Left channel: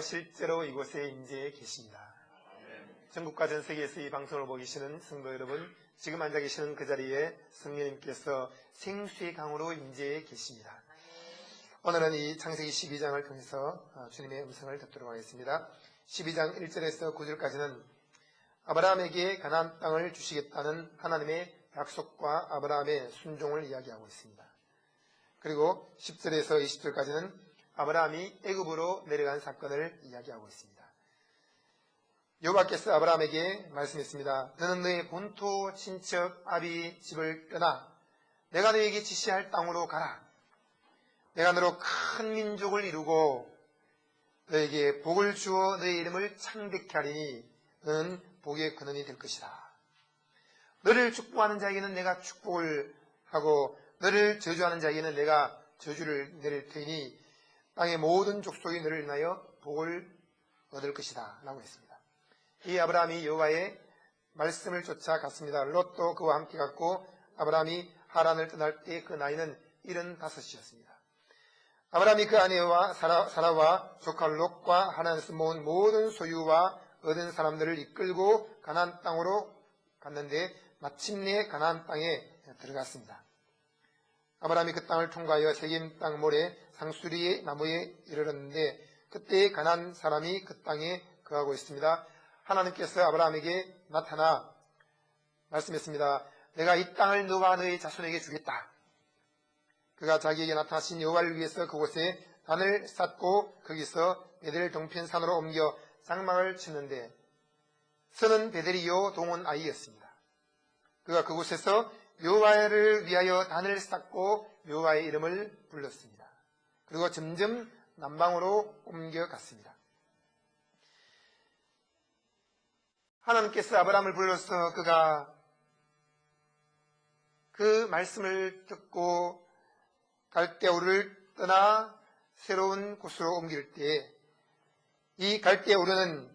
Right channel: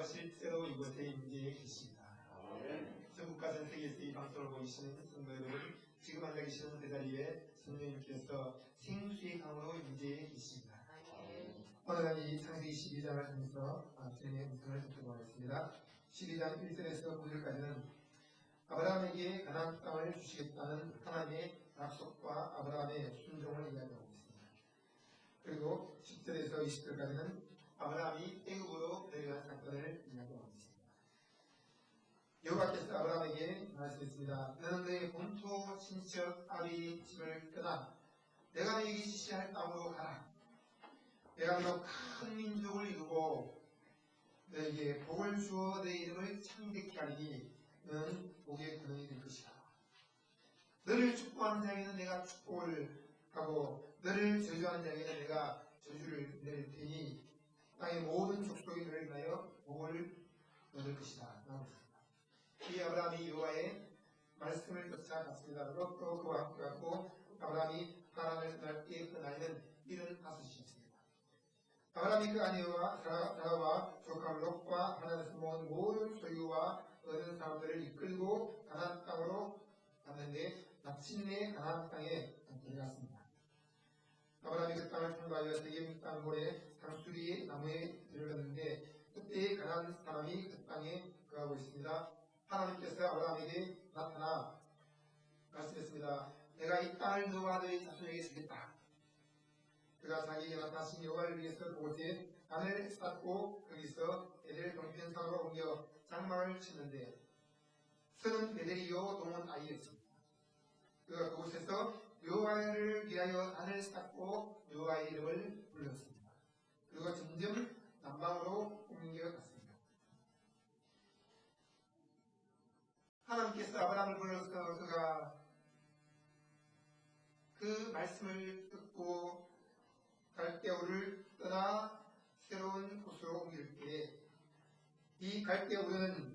실제로 이곳에 임재해 계십니다. 전국과 전 세계에서 이 방송을 보고 계시는 성도 여러분, 지금 앉아 계시는 그 자리에 성령님께서 생수의 강으로 임재해 계십니다. 오늘은 이 창세기 12장을 통해서 주님의 음성을 듣도록 하겠습니다. 12장 1절에서 9절까지는 아브라함에게 가나안 땅을 주시겠다는 하나님의 약속과 아브라함의 순종을 이야기하고 있습니다. 그리고 10절에서 20절까지는 아브라함이 애굽으로 내려간 사건을 이야기하고 있습니다. 여호와께서 아브라함에게 말씀했습니다. 너는 너의 본토 친척 아비 집을 떠나 내가 너에게 지시할 땅으로 가라. 내가 너로 큰 민족을 이루고 너에게 복을 주어 너의 이름을 창대케 하리니 너는 복의 근원이 될 것이다. 너를 축복하는 자에게는 내가 축복을 하고 너를 저주하는 자에게는 내가 저주를 내릴 테니 땅의 모든 족속이 너를 인하여 복을 얻을 것이다 라고 했습니다. 이 아브라함이 여호와의 말씀을 쫓아갔습니다. 롯도 그와 함께 갔고 아브라함이 하란을 떠날 때 그 나이는 75이었습니다. 아브라함이 그 아내와 사라와 조카 롯과 하란에서 모은 모든 소유와 얻은 사람들을 이끌고 가나안 땅으로 갔는데 마침내 가나안 땅에 들어갔습니다. 아브라함이 그 땅을 통과하여 세겜 땅 모래 상수리 나무에 이르렀는데 그때 가나안 사람이 그 땅에 거하고 있습니다. 하나님께서 아브라함에게 나타나 말씀했습니다. 내가 이 땅을 너와 너의 자손에게 주겠다. 그가 자기에게 나타나신 여호와를 위해서 그곳에 단을 쌓고 거기서 베델 동편산으로 옮겨 장막을 치는데 선은 베델이요 동은 아이였습니다. 그가 그곳에서 여호와를 위하여 단을 쌓고 여호와의 이름을 불렀습니다. 그리고 점점 남방으로 옮겨갔습니다. 하나님께서 아브라함을 불러서 그가 그 말씀을 듣고 갈대우를 떠나 새로운 곳으로 옮길 때 이 갈대우르는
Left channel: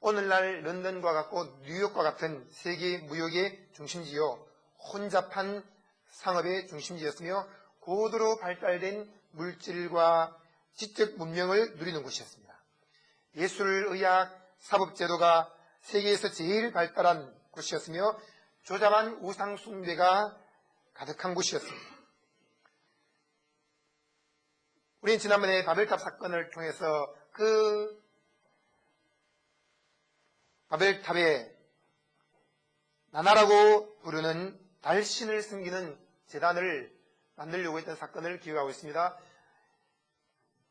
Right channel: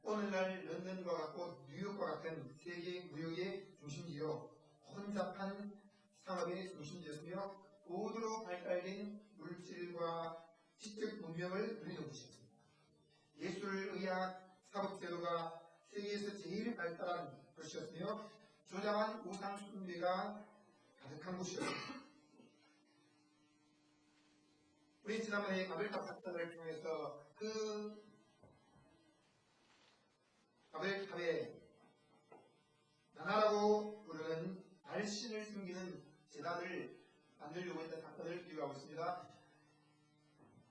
오늘날 런던과 같고 뉴욕과 같은 세계 무역의 중심지요 혼잡한 상업의 중심지였으며 고도로 발달된 물질과 지적 문명을 누리는 곳이었습니다. 예술, 의학, 사법제도가 세계에서 제일 발달한 곳이었으며 조잡한 우상 숭배가 가득한 곳이었습니다. 우리는 지난번에 바벨탑 사건을 통해서 그 바벨탑에 나나라고 부르는 달신을 섬기는 제단을 만들려고 했던 사건을 기억하고 있습니다.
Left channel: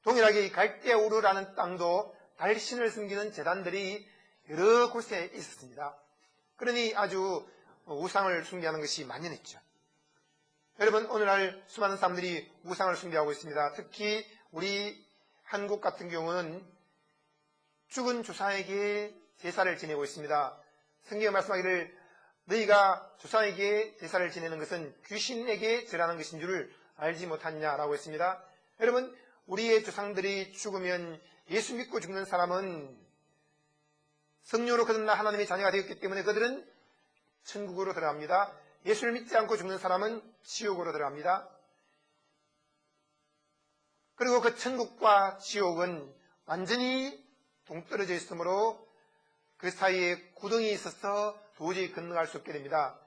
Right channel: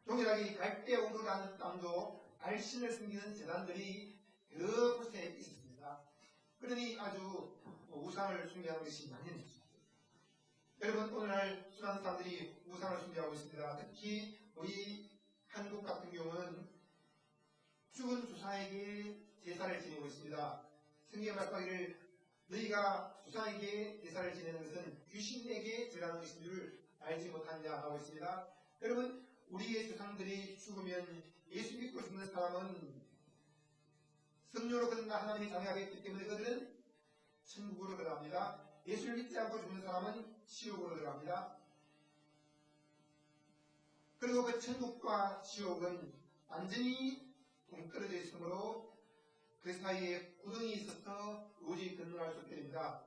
동일하게 이 갈대우르라는 땅도 달신을 섬기는 제단들이 여러 곳에 있었습니다. 그러니 아주 우상을 숭배하는 것이 만연했죠. 여러분, 오늘날 수많은 사람들이 우상을 숭배하고 있습니다. 특히 우리 한국 같은 경우는 죽은 조상에게 제사를 지내고 있습니다. 성경에 말씀하기를 너희가 조상에게 제사를 지내는 것은 귀신에게 절하는 것인 줄을 알지 못하느냐라고 했습니다. 여러분, 우리의 조상들이 죽으면 예수 믿고 죽는 사람은 성령으로 거듭나 하나님의 자녀가 되었기 때문에 그들은 천국으로 들어갑니다. 예수를 믿지 않고 죽는 사람은 지옥으로 들어갑니다. 그리고 그 천국과 지옥은 완전히 동떨어져 있으므로 그 사이에 구덩이 있어서 도저히 건너갈 수 없게 됩니다.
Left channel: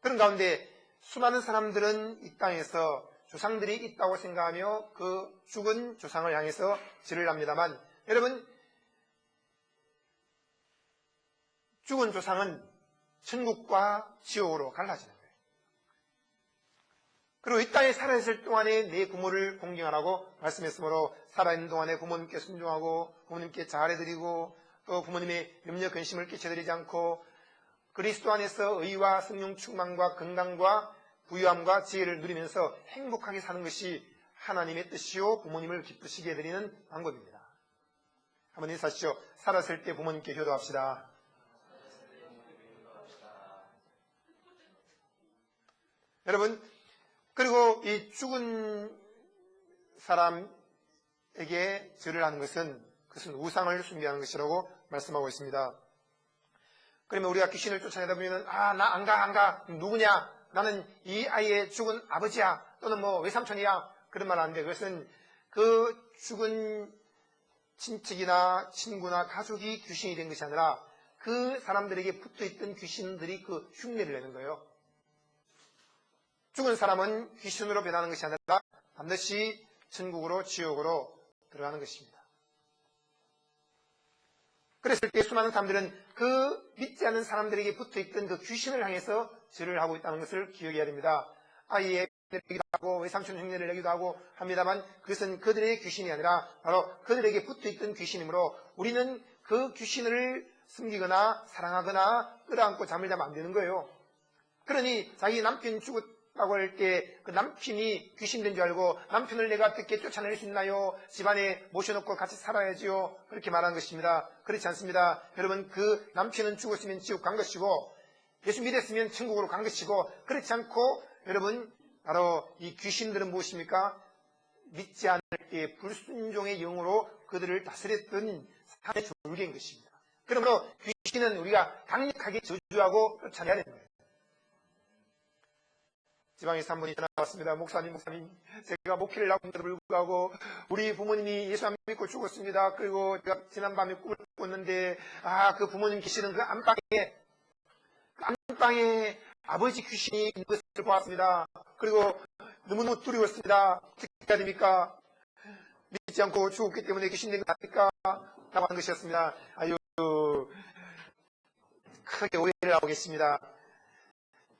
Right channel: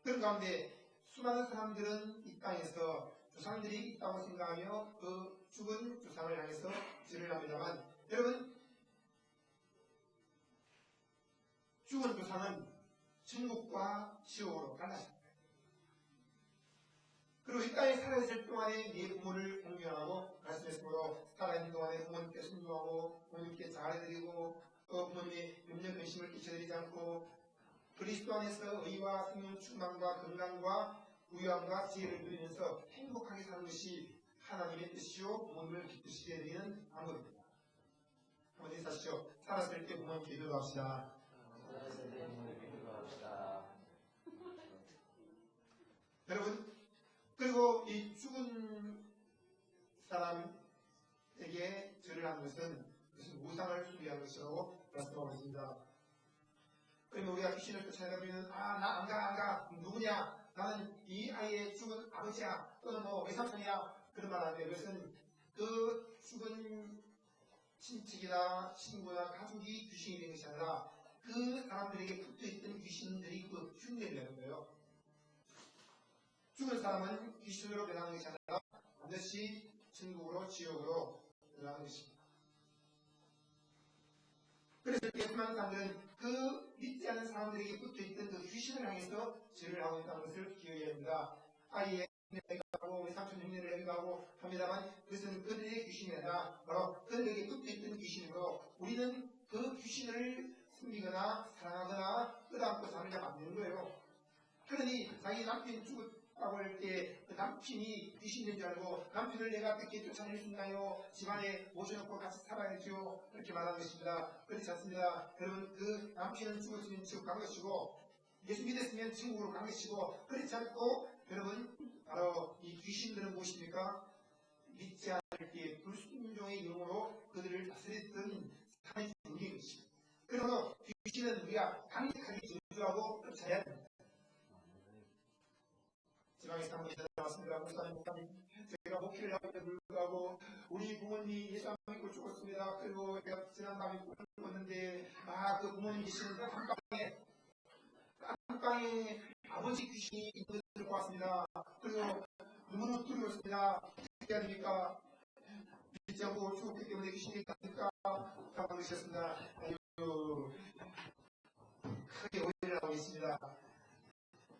그런 가운데 수많은 사람들은 이 땅에서 조상들이 있다고 생각하며 그 죽은 조상을 향해서 절을 합니다만 여러분, 죽은 조상은 천국과 지옥으로 갈라지는 거예요. 그리고 이 땅에 살아있을 동안에 내 부모를 공경하라고 말씀했으므로 살아있는 동안에 부모님께 순종하고 부모님께 잘해드리고 또 부모님의 염려 근심을 끼쳐드리지 않고 그리스도 안에서 의와 성령 충만과 건강과 부유함과 지혜를 누리면서 행복하게 사는 것이 하나님의 뜻이요 부모님을 기쁘시게 해드리는 방법입니다. 한번 인사하시죠. 살았을 때 부모님께 효도합시다. 여러분, 그리고 이 죽은 사람에게 절을 하는 것은 그것은 우상을 숭배하는 것이라고 말씀하고 있습니다. 그러면 우리가 귀신을 쫓아내다 보면 나 안 가. 누구냐? 나는 이 아이의 죽은 아버지야. 또는 외삼촌이야. 그런 말 하는데 그것은 그 죽은 친척이나 친구나 가족이 귀신이 된 것이 아니라 그 사람들에게 붙어있던 귀신들이 그 흉내를 내는 거예요. 죽은 사람은 귀신으로 변하는 것이 아니라 반드시 천국으로 지옥으로 들어가는 것입니다. 그랬을 때 수많은 사람들은 그 믿지 않는 사람들에게 붙어있던 그 귀신을 향해서 절을 하고 있다는 것을 기억해야 됩니다. 아이의 흉내를 내기도 하고 외삼촌 흉내를 내기도 하고 합니다만 그것은 그들의 귀신이 아니라 바로 그들에게 붙어있던 귀신이므로 우리는 그 귀신을 숨기거나 사랑하거나 끌어안고 잠을 자면 안 되는 거예요. 그러니 자기 남편이 죽었다고 할 때 그 남편이 귀신된 줄 알고 남편을 내가 어떻게 쫓아낼 수 있나요? 집안에 모셔놓고 같이 살아야지요. 그렇게 말하는 것입니다. 그렇지 않습니다. 여러분, 그 남편은 죽었으면 지옥 간 것이고 예수 믿었으면 천국으로 간 것이고, 그렇지 않고 여러분 바로 이 귀신들은 무엇입니까? 믿지 않을 때 불순종의 영으로 그들을 다스렸던 사탄의 졸개인 것입니다. 그러므로 귀신은 우리가 강력하게 저주하고 쫓아내야 됩니다. 지방에서 한 분이 전화 왔습니다. 목사님, 제가 목회를 하고도 불구하고 우리 부모님이 예수 안 믿고 죽었습니다. 그리고 제가 지난밤에 꿈을 꿨는데 그 부모님 계시는 그 안방에 아버지 귀신이 있는 것을 보았습니다. 그리고 너무너무 두려웠습니다. 어떻게 해야 됩니까? 믿지 않고 죽었기 때문에 귀신된 것 아닙니까? 라고 하는 것이었습니다. 아유, 크게 오해를 하고 계십니다.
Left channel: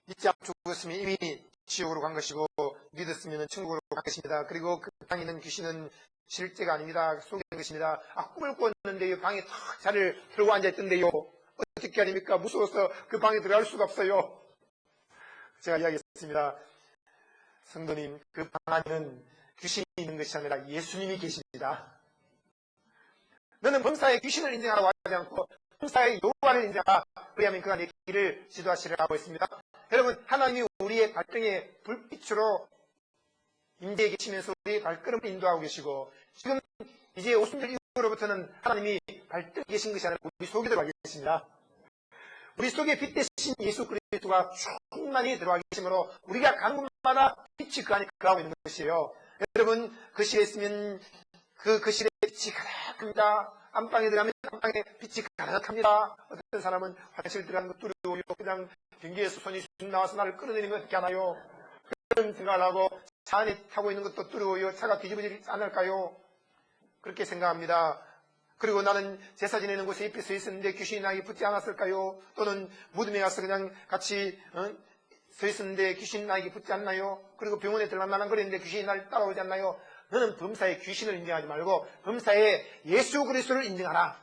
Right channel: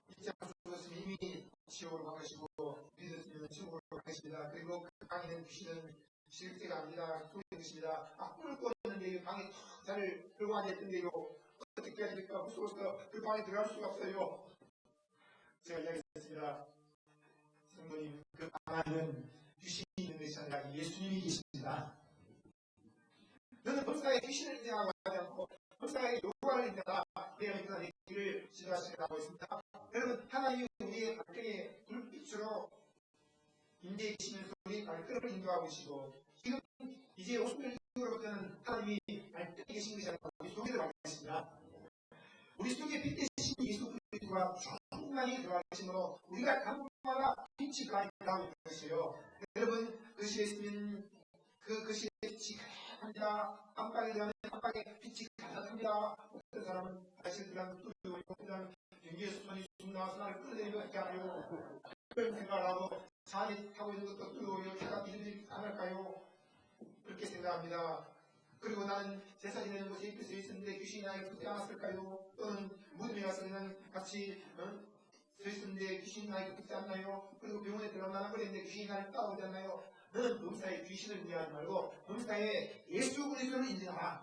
믿지 않고 죽었으면 이미 지옥으로 간 것이고 믿었으면 천국으로 간 것입니다. 그리고 그 방에 있는 귀신은 실제가 아닙니다. 속인 것입니다. 꿈을 꿨는데 방에 탁 자리를 들고 앉아있던데요. 어떻게 해야 됩니까? 무서워서 그 방에 들어갈 수가 없어요. 제가 이야기했습니다. 성도님, 그 방 안에는 귀신이 있는 것이 아니라 예수님이 계십니다. 너는 범사에 귀신을 인정하라고 하지 않고 범사에 여호와를 인정하라. 그리하면 그 안에 길을 지도하시라고 했습니다. 여러분, 하나님이 우리의 발등에 불빛으로 임재해 계시면서 우리의 발걸음을 인도하고 계시고, 지금 이제 50년 이후로부터는 하나님이 발등에 계신 것이 아니라 우리 속에 들어와 계십니다. 우리 속에 빛 대신 예수 그리스도가 충만히 들어와 계시므로 우리가 간 곳마다 빛이 그 안에 거하고 있는 것이에요. 여러분, 거실에 있으면 그 거실에 빛이 가득합니다. 안방에 들어가면 안방에 빛이 가득합니다. 어떤 사람은 화장실 들어가는 거 두려워요. 그냥 변기에서 손이 쑥 나와서 나를 끌어내리는 거 어떻게 하나요? 그런 생각을 하고 차 안에 타고 있는 것도 두려워요. 차가 뒤집어지지 않을까요? 그렇게 생각합니다. 그리고 나는 제사 지내는 곳에 잎이 서 있었는데 귀신이 나에게 붙지 않았을까요? 또는 무덤에 가서 그냥 같이 서 있었는데 귀신이 나에게 붙지 않나요? 그리고 병원에 들어가면 거리는데 귀신이 나를 따라오지 않나요? 너는 범사에 귀신을 인정하지 말고 범사에 예수 그리스도를 인정하라.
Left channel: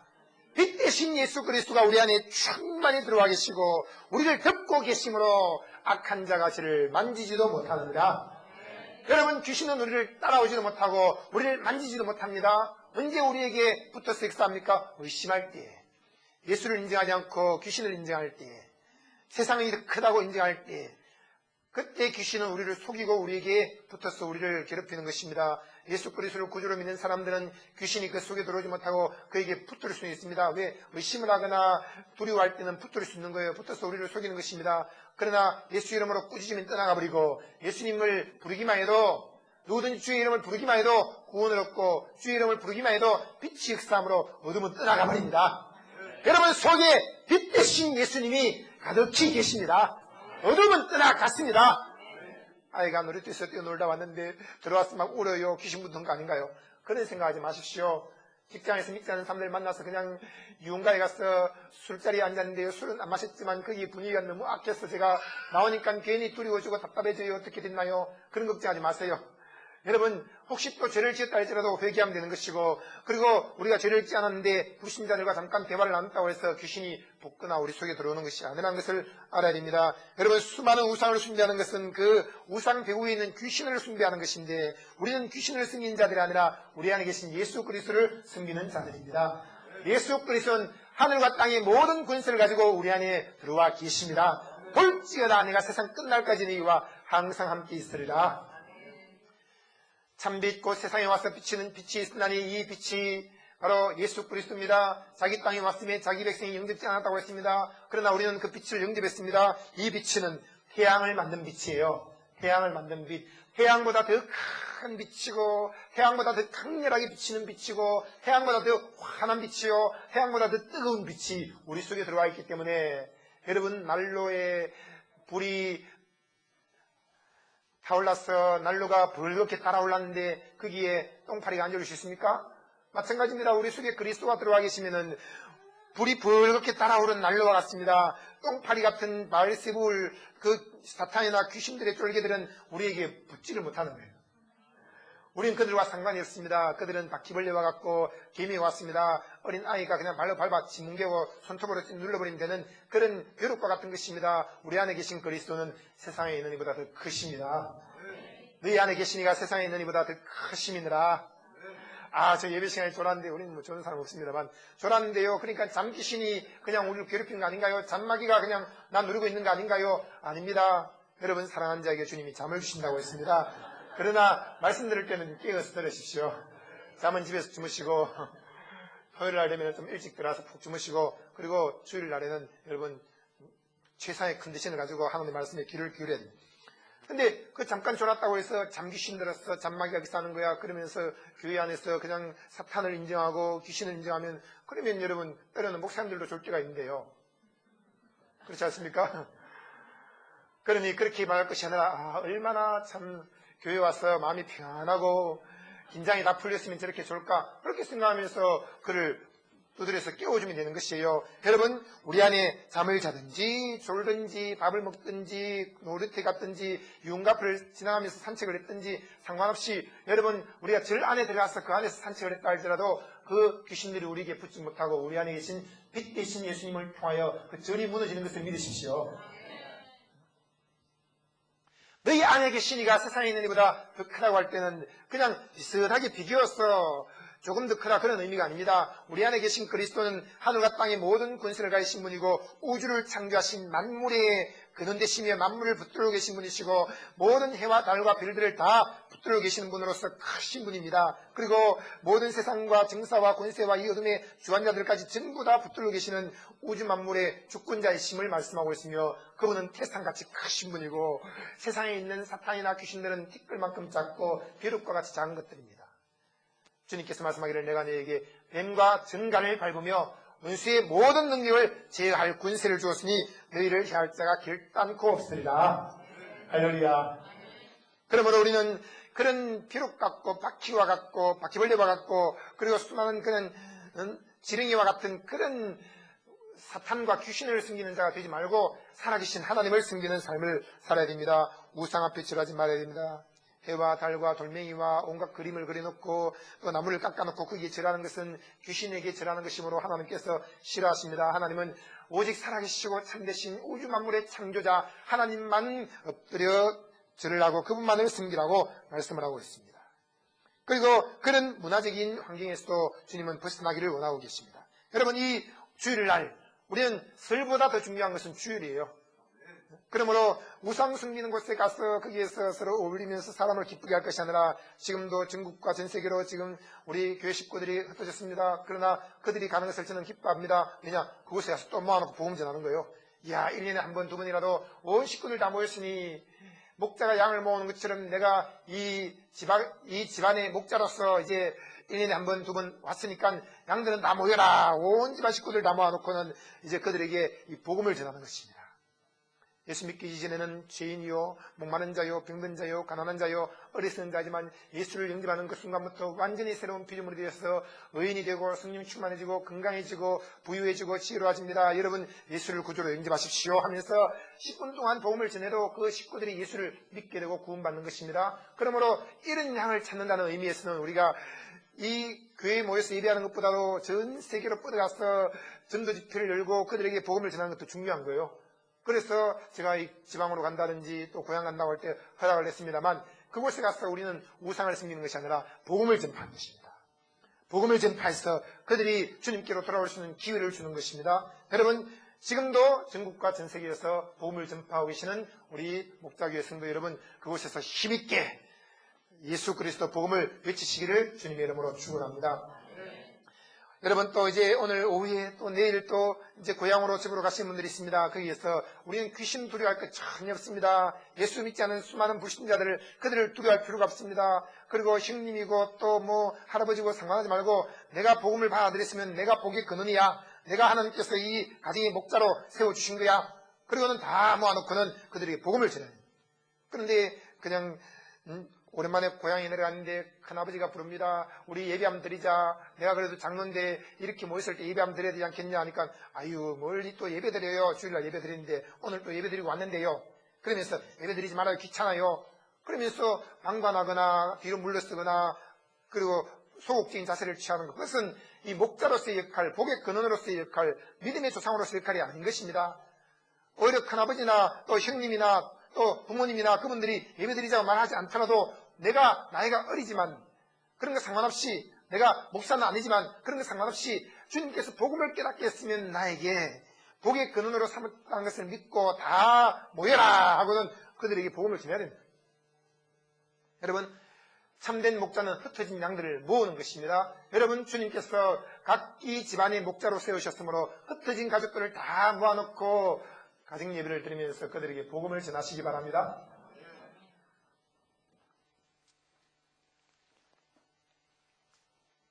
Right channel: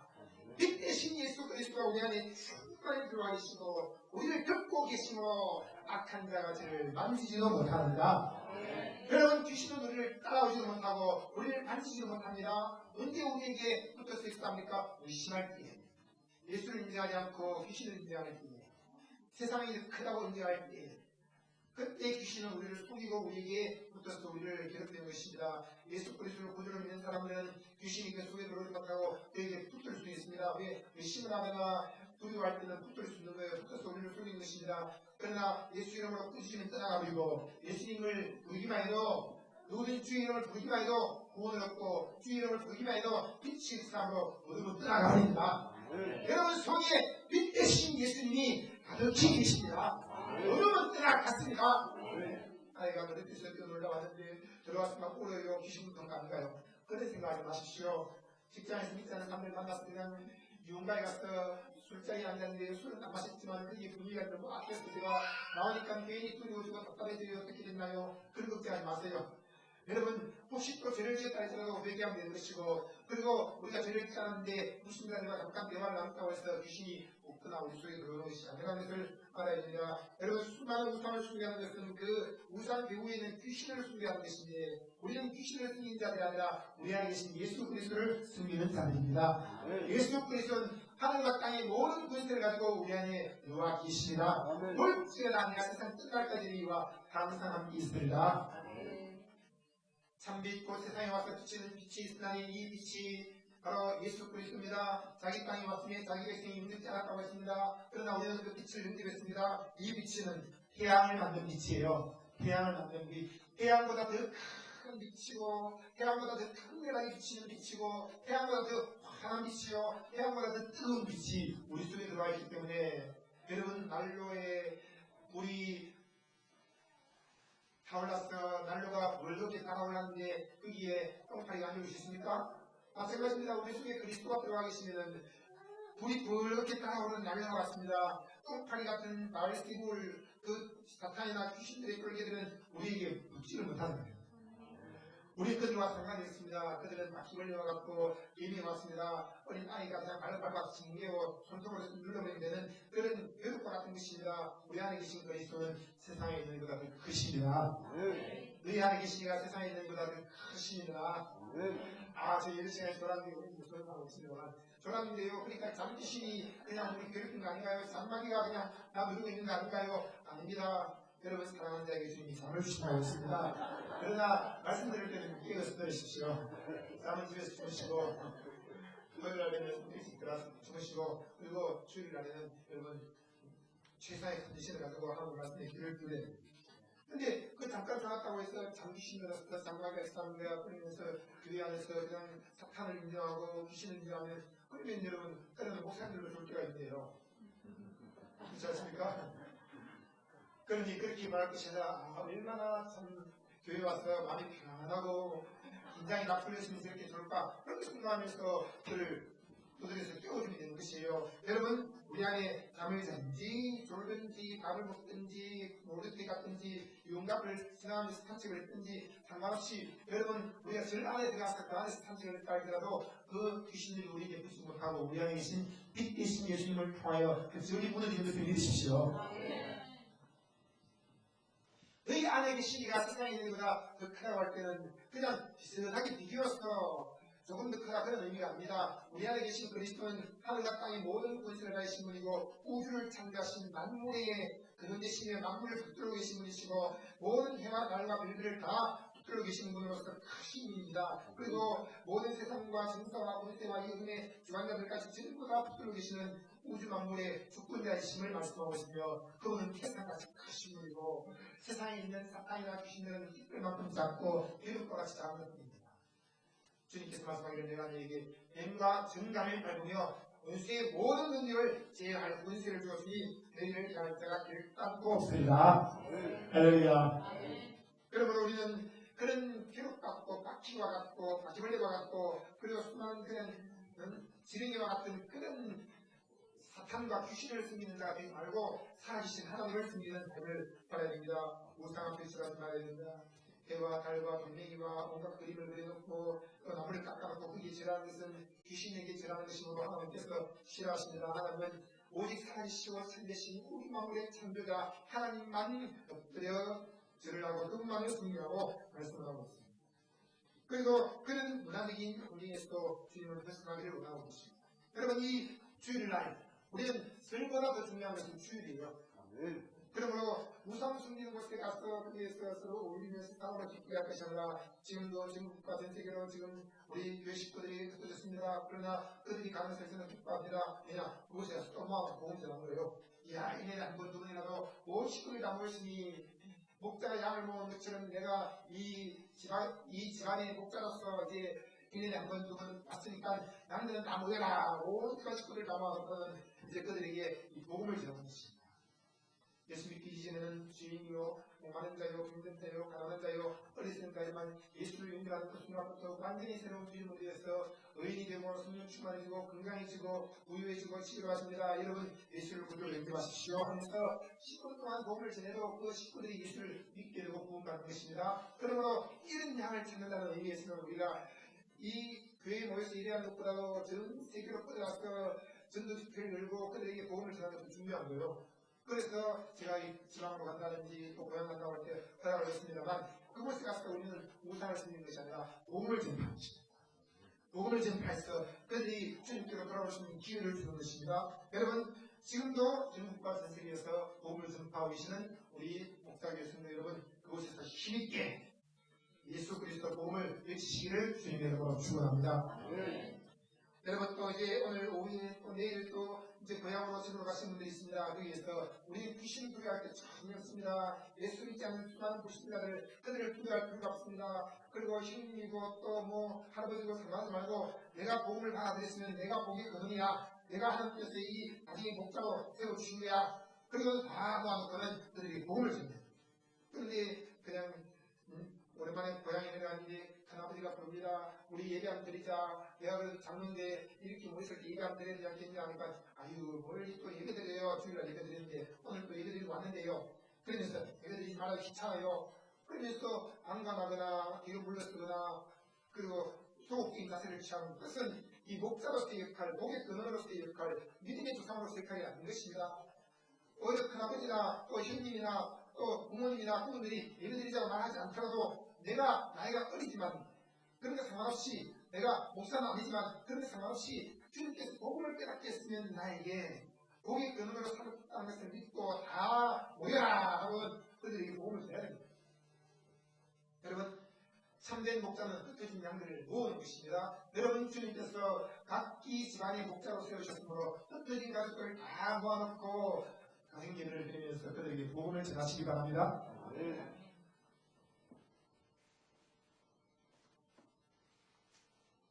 빛 대신 예수 그리스도가 우리 안에 충만히 들어와 계시고 우리를 덮고 계심으로 악한 자가 저를 만지지도 못합니다. 여러분, 귀신은 우리를 따라오지도 못하고 우리를 만지지도 못합니다. 언제 우리에게 붙어서 역사합니까? 의심할 때, 예수를 인정하지 않고 귀신을 인정할 때, 세상이 크다고 인정할 때, 그때 귀신은 우리를 속이고 우리에게 붙어서 우리를 괴롭히는 것입니다. 예수 그리스도를 구주로 믿는 사람들은 귀신이 그 속에 들어오지 못하고 그에게 붙들 수 있습니다. 왜? 의심을 하거나 두려워할 때는 붙들 수 있는 거예요. 붙어서 우리를 속이는 것입니다. 그러나 예수 이름으로 꾸짖으면 떠나가 버리고 예수님을 부르기만 해도, 누구든지 주의 이름을 부르기만 해도 구원을 얻고 주의 이름을 부르기만 해도 빛이 역사함으로 어둠은 떠나가 버립니다. 여러분 속에 빛 대신 예수님이 가득히 계십니다. 어둠은 떠나갔습니다. 아이가 놀이터에서 뛰어놀다 왔는데 들어와서 막 울어요. 귀신 붙은 거 아닌가요? 그런 생각하지 마십시오. 직장에서 믿지 않는 사람들 만나서 그냥 유흥가에 가서 술자리에 앉았는데요. 술은 안 마셨지만 거기 분위기가 너무 악해서 제가 나오니까 괜히 두려워지고 답답해져요. 어떻게 됐나요? 그런 걱정하지 마세요. 여러분, 혹시 또 죄를 지었다 할지라도 회개하면 되는 것이고, 그리고 우리가 죄를 짓지 않았는데 불신자들과 잠깐 대화를 나눴다고 해서 귀신이 붙거나 우리 속에 들어오는 것이 아니라는 것을 알아야 됩니다. 여러분, 수많은 우상을 숭배하는 것은 그 우상 배후에 있는 귀신을 숭배하는 것인데, 우리는 귀신을 숨기는 자들이 아니라 우리 안에 계신 예수 그리스도를 숨기는 자들입니다. 예수 그리스도는 하늘과 땅의 모든 권세를 가지고 우리 안에 들어와 계십니다. 볼지어다 내가 세상 끝날까지 너희와 항상 함께 있으리라. 참빛 곧 세상에 와서 비치는 빛이 있으나니 이 빛이 바로 예수 그리스도입니다. 자기 땅에 왔으면 자기 백성이 영접지 않았다고 했습니다. 그러나 우리는 그 빛을 영접했습니다. 이 빛은 태양을 만든 빛이에요. 태양을 만든 빛. 태양보다 더 큰 빛이고 태양보다 더 강렬하게 비치는 빛이고 태양보다 더 환한 빛이요 태양보다 더 뜨거운 빛이 우리 속에 들어와 있기 때문에 여러분 난로에 불이 타올라서 난로가 벌겋게 따라올랐는데 거기에 똥파리가 안 올릴 수 있습니까? 마찬가지입니다. 우리 속에 그리스도가 들어와 계시면은 불이 벌겋게 따라오른 난로와 같습니다. 똥파리 같은 바알세불 그 사탄이나 귀신들의 쫄개들은 우리에게 붙지를 못하는 거예요. 우리는 그들과 상관이 없습니다. 그들은 바퀴벌레와 같고 개미와 같습니다. 어린 아이가 그냥 발로 밟아 짓뭉개고 손톱으로 눌러버리면 되는 그런 벼룩과 같은 것입니다. 우리 안에 계신 그리스도는 세상에 있는 이보다 더 크십니다. 너희 안에 계신 이가 세상에 있는 이보다 더 크심이니라. 저 예배 시간에 졸았는데 우리는 뭐 좋은 사람 없습니다만 졸았는데요. 그러니까 잠귀신이 그냥 우리를 괴롭히는 거 아닌가요? 잠마귀가 그냥 나 누르고 있는 거 아닌가요? 아닙니다. 여러분 사랑하는 자에게 주님이 잠을 주신다고 했습니다. 그러나 말씀 들을 때는 깨어서 들으십시오. 잠은 집에서 주무시고 토요일 날 되면 좀 일찍 들어와서 푹 주무시고 그리고 주일 날에는 여러분 최상의 컨디션을 가지고 하나님 말씀에 귀를 기울여야 돼요. 근데 그 잠깐 졸았다고 해서 잠귀신 들었어 잠마귀가 기사는 거야 그러면서 교회 안에서 그냥 사탄을 인정하고 귀신을 인정하면 그러면 여러분 때로는 목사님들도 졸 때가 있는데요. 그렇지 않습니까? 그러니 그렇게 말할 것이 아니라 얼마나 참 교회 와서 마음이 평안하고 긴장이 다 풀렸으면 저렇게 졸까 그렇게 생각하면서 그를 두드려서 깨워주면 되는 것이에요. 여러분 우리 안에 잠을 자든지 졸든지 밥을 먹든지 놀이터 갔든지 윤곽을 지나가면서 산책을 했든지 상관없이 여러분 우리가 절 안에 들어가서 그 안에서 산책을 했다 할지라도 그 귀신들이 우리에게 붙지 못하고 우리 안에 계신 빛 대신 예수님을 통하여 그 절이 무너지는 것을 믿으십시오. 너희 안에 계신 이가 세상에 있는 이보다 더 크다고 할 때는 그냥 비슷하게 비교해서 조금 더 크다 그런 의미가 아닙니다. 우리 안에 계신 그리스도는 하늘과 땅의 모든 권세를 가지신 분이고 우주를 창조하신 만물의 근원되시며 만물을 붙들고 계신 분이시고 모든 해와 달과 별들을 다 붙들고 계시는 분으로서 크신 분입니다. 그리고 모든 세상과 정사와 권세와 이 어둠의 주관자들까지 전부 다 붙들고 계시는 우주 만물의 주권자이심을 말씀하고 있으며 그분은 태산같이 크신 분이고 세상에 있는 사탄이나 귀신들은 티끌만큼 작고 벼룩과 같이 작은 것들입니다. 주님께서 말씀하기를 내가 너에게 뱀과 전갈을 밟으며 원수의 모든 능력을 제어할 권세를 주었으니 너희를 해할 자가 결단코 없으리라. 할렐루야. 그러므로 우리는 그런 벼룩 같고 바퀴와 같고 바퀴벌레와 같고 그리고 수많은 그런 지렁이와 같은 그런 사탄과 귀신을 섬기는 자가 되지 말고 살아계신 하나님을 섬기는 삶을 살아야 됩니다. 우상 앞에 절하지 말아야 됩니다. 해와 달과 돌멩이와 온갖 그림을 그려놓고 또 나무를 깎아놓고 거기에 절하는 것은 귀신에게 절하는 것이므로 하나님께서 싫어하십니다. 하나님은 오직 살아계시고 참되신 우주 만물의 창조자 하나님만 엎드려 절을 하고 그분만을 섬기라고 말씀을 하고 있습니다. 그리고 그런 문화적인 환경에서도 주님은 벗어나기를 원하고 계십니다. 여러분 이 주일날 우리는 설보다 더 중요한 것은 주일이에요. 그러므로 우상 숨기는 곳에 가서 거기에서 서로 어울리면서 사람을 기쁘게 할 것이 아니라 지금도 전국과 전 세계로 지금 우리 교회 식구들이 흩어졌습니다. 그러나 그들이 가는 것을 저는 기뻐합니다. 왜냐? 그곳에 가서 또 모아놓고 복음 전하는 거예요. 1년에 한 번, 두 번이라도 온 식구들 다 모였으니 목자가 양을 모으는 것처럼 내가 이 집안의 목자로서 이제 1년에 한 번, 두 번 왔으니까 양들은 다 모여라. 온 집안 식구들 다 모아놓고는 이제 그들에게 이 복음을 전하는 것입니다. 예수 믿기 이전에는 죄인이요, 목마른 자요, 병든 자요, 가난한 자요, 어리석은 자지만 예수를 영접하는 그 순간부터 완전히 새로운 피조물이 되어서 의인이 되고 성령이 충만해지고 건강해지고 부유해지고 지혜로워집니다. 여러분 예수를 구주로 영접하십시오 하면서 10분 동안 복음을 전해도 그 식구들이 예수를 믿게 되고 구원받는 것입니다. 그러므로 이런 향을 찾는다는 의미에서는 우리가 이 교회에 모여서 예배하는 것보다도 전 세계로 뻗어가서 전도 집회를 열고 그들에게 복음을 전하는 것도 중요한 거예요. 그래서 제가 이 지방으로 간다든지 또 고향 간다고 할 때 허락을 했습니다만 그곳에 가서 우리는 우상을 섬기는 것이 아니라 복음을 전파하는 것입니다. 복음을 전파해서 그들이 주님께로 돌아올 수 있는 기회를 주는 것입니다. 여러분 지금도 전국과 전 세계에서 복음을 전파하고 계시는 우리 목자교회 성도 여러분 그곳에서 힘있게 예수 그리스도 복음을 외치시기를 주님의 이름으로 축원합니다. 여러분 또 이제 오늘 오후에 또 내일 또 이제 고향으로 집으로 가시는 분들이 있습니다. 거기에서 우리는 귀신 두려워할 것 전혀 없습니다. 예수 믿지 않은 수많은 불신자들을 그들을 두려워할 필요가 없습니다. 그리고 형님이고 또 뭐 할아버지고 상관하지 말고 내가 복음을 받아들였으면 내가 복의 근원이야. 내가 하나님께서 이 가정의 목자로 세워주신 거야. 그리고는 다 모아놓고는 그들에게 복음을 전해요. 그런데 그냥 오랜만에 고향에 내려갔는데 큰아버지가 부릅니다. 우리 예배 한번 드리자. 내가 그래도 장로인데 이렇게 모였을 때 예배 한번 드려야 되지 않겠냐 하니까 아유 멀리 또 예배 드려요. 주일날 예배 드리는데 오늘 또 예배 드리고 왔는데요. 그러면서 예배 드리지 말아요. 귀찮아요. 그러면서 방관하거나 뒤로 물러서거나 그리고 소극적인 자세를 취하는 것. 그것은 이 목자로서의 역할, 복의 근원으로서의 역할, 믿음의 조상으로서의 역할이 아닌 것입니다. 오히려 큰아버지나 또 형님이나 또 부모님이나 그분들이 예배드리자고 말하지 않더라도 내가 나이가 어리지만 그런 거 상관없이 내가 목사는 아니지만 그런 거 상관없이 주님께서 복음을 깨닫게 했으면 나에게 복의 근원으로 삼았다는 것을 믿고 다 모여라 하고는 그들에게 복음을 전해야 됩니다. 여러분 참된 목자는 흩어진 양들을 모으는 것입니다. 여러분 주님께서 각기 집안의 목자로 세우셨으므로 흩어진 가족들을 다 모아놓고 가정 예배를 드리면서 그들에게 복음을 전하시기 바랍니다.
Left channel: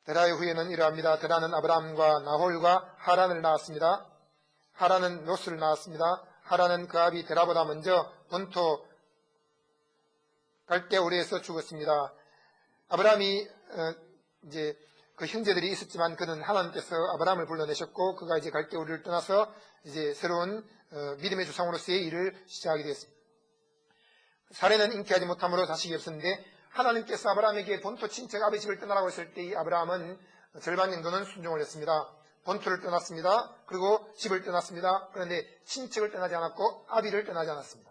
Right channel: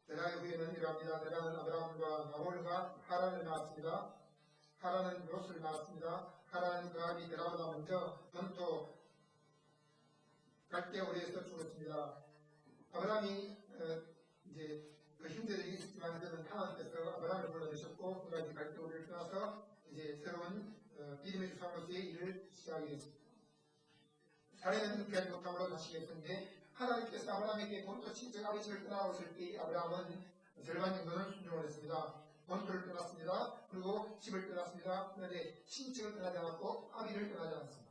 데라의 후예는 이러합니다. 데라는 아브라함과 나홀과 하란을 낳았습니다. 하란은 롯을 낳았습니다. 하란은 그 아비 데라보다 먼저 본토 갈대우르에서 죽었습니다. 아브라함이 이제 그 형제들이 있었지만 그는 하나님께서 아브라함을 불러내셨고 그가 이제 갈대우르를 떠나서 이제 새로운 믿음의 조상으로서의 일을 시작하게 되었습니다. 사례는 인기하지 못함으로 자식이 없었는데 하나님께서 아브라함에게 본토 친척 아버지 집을 떠나라고 했을 때 이 아브라함은 절반 정도는 순종을 했습니다. 본토를 떠났습니다. 그리고 집을 떠났습니다. 그런데 친척을 떠나지 않았고 아비를 떠나지 않았습니다.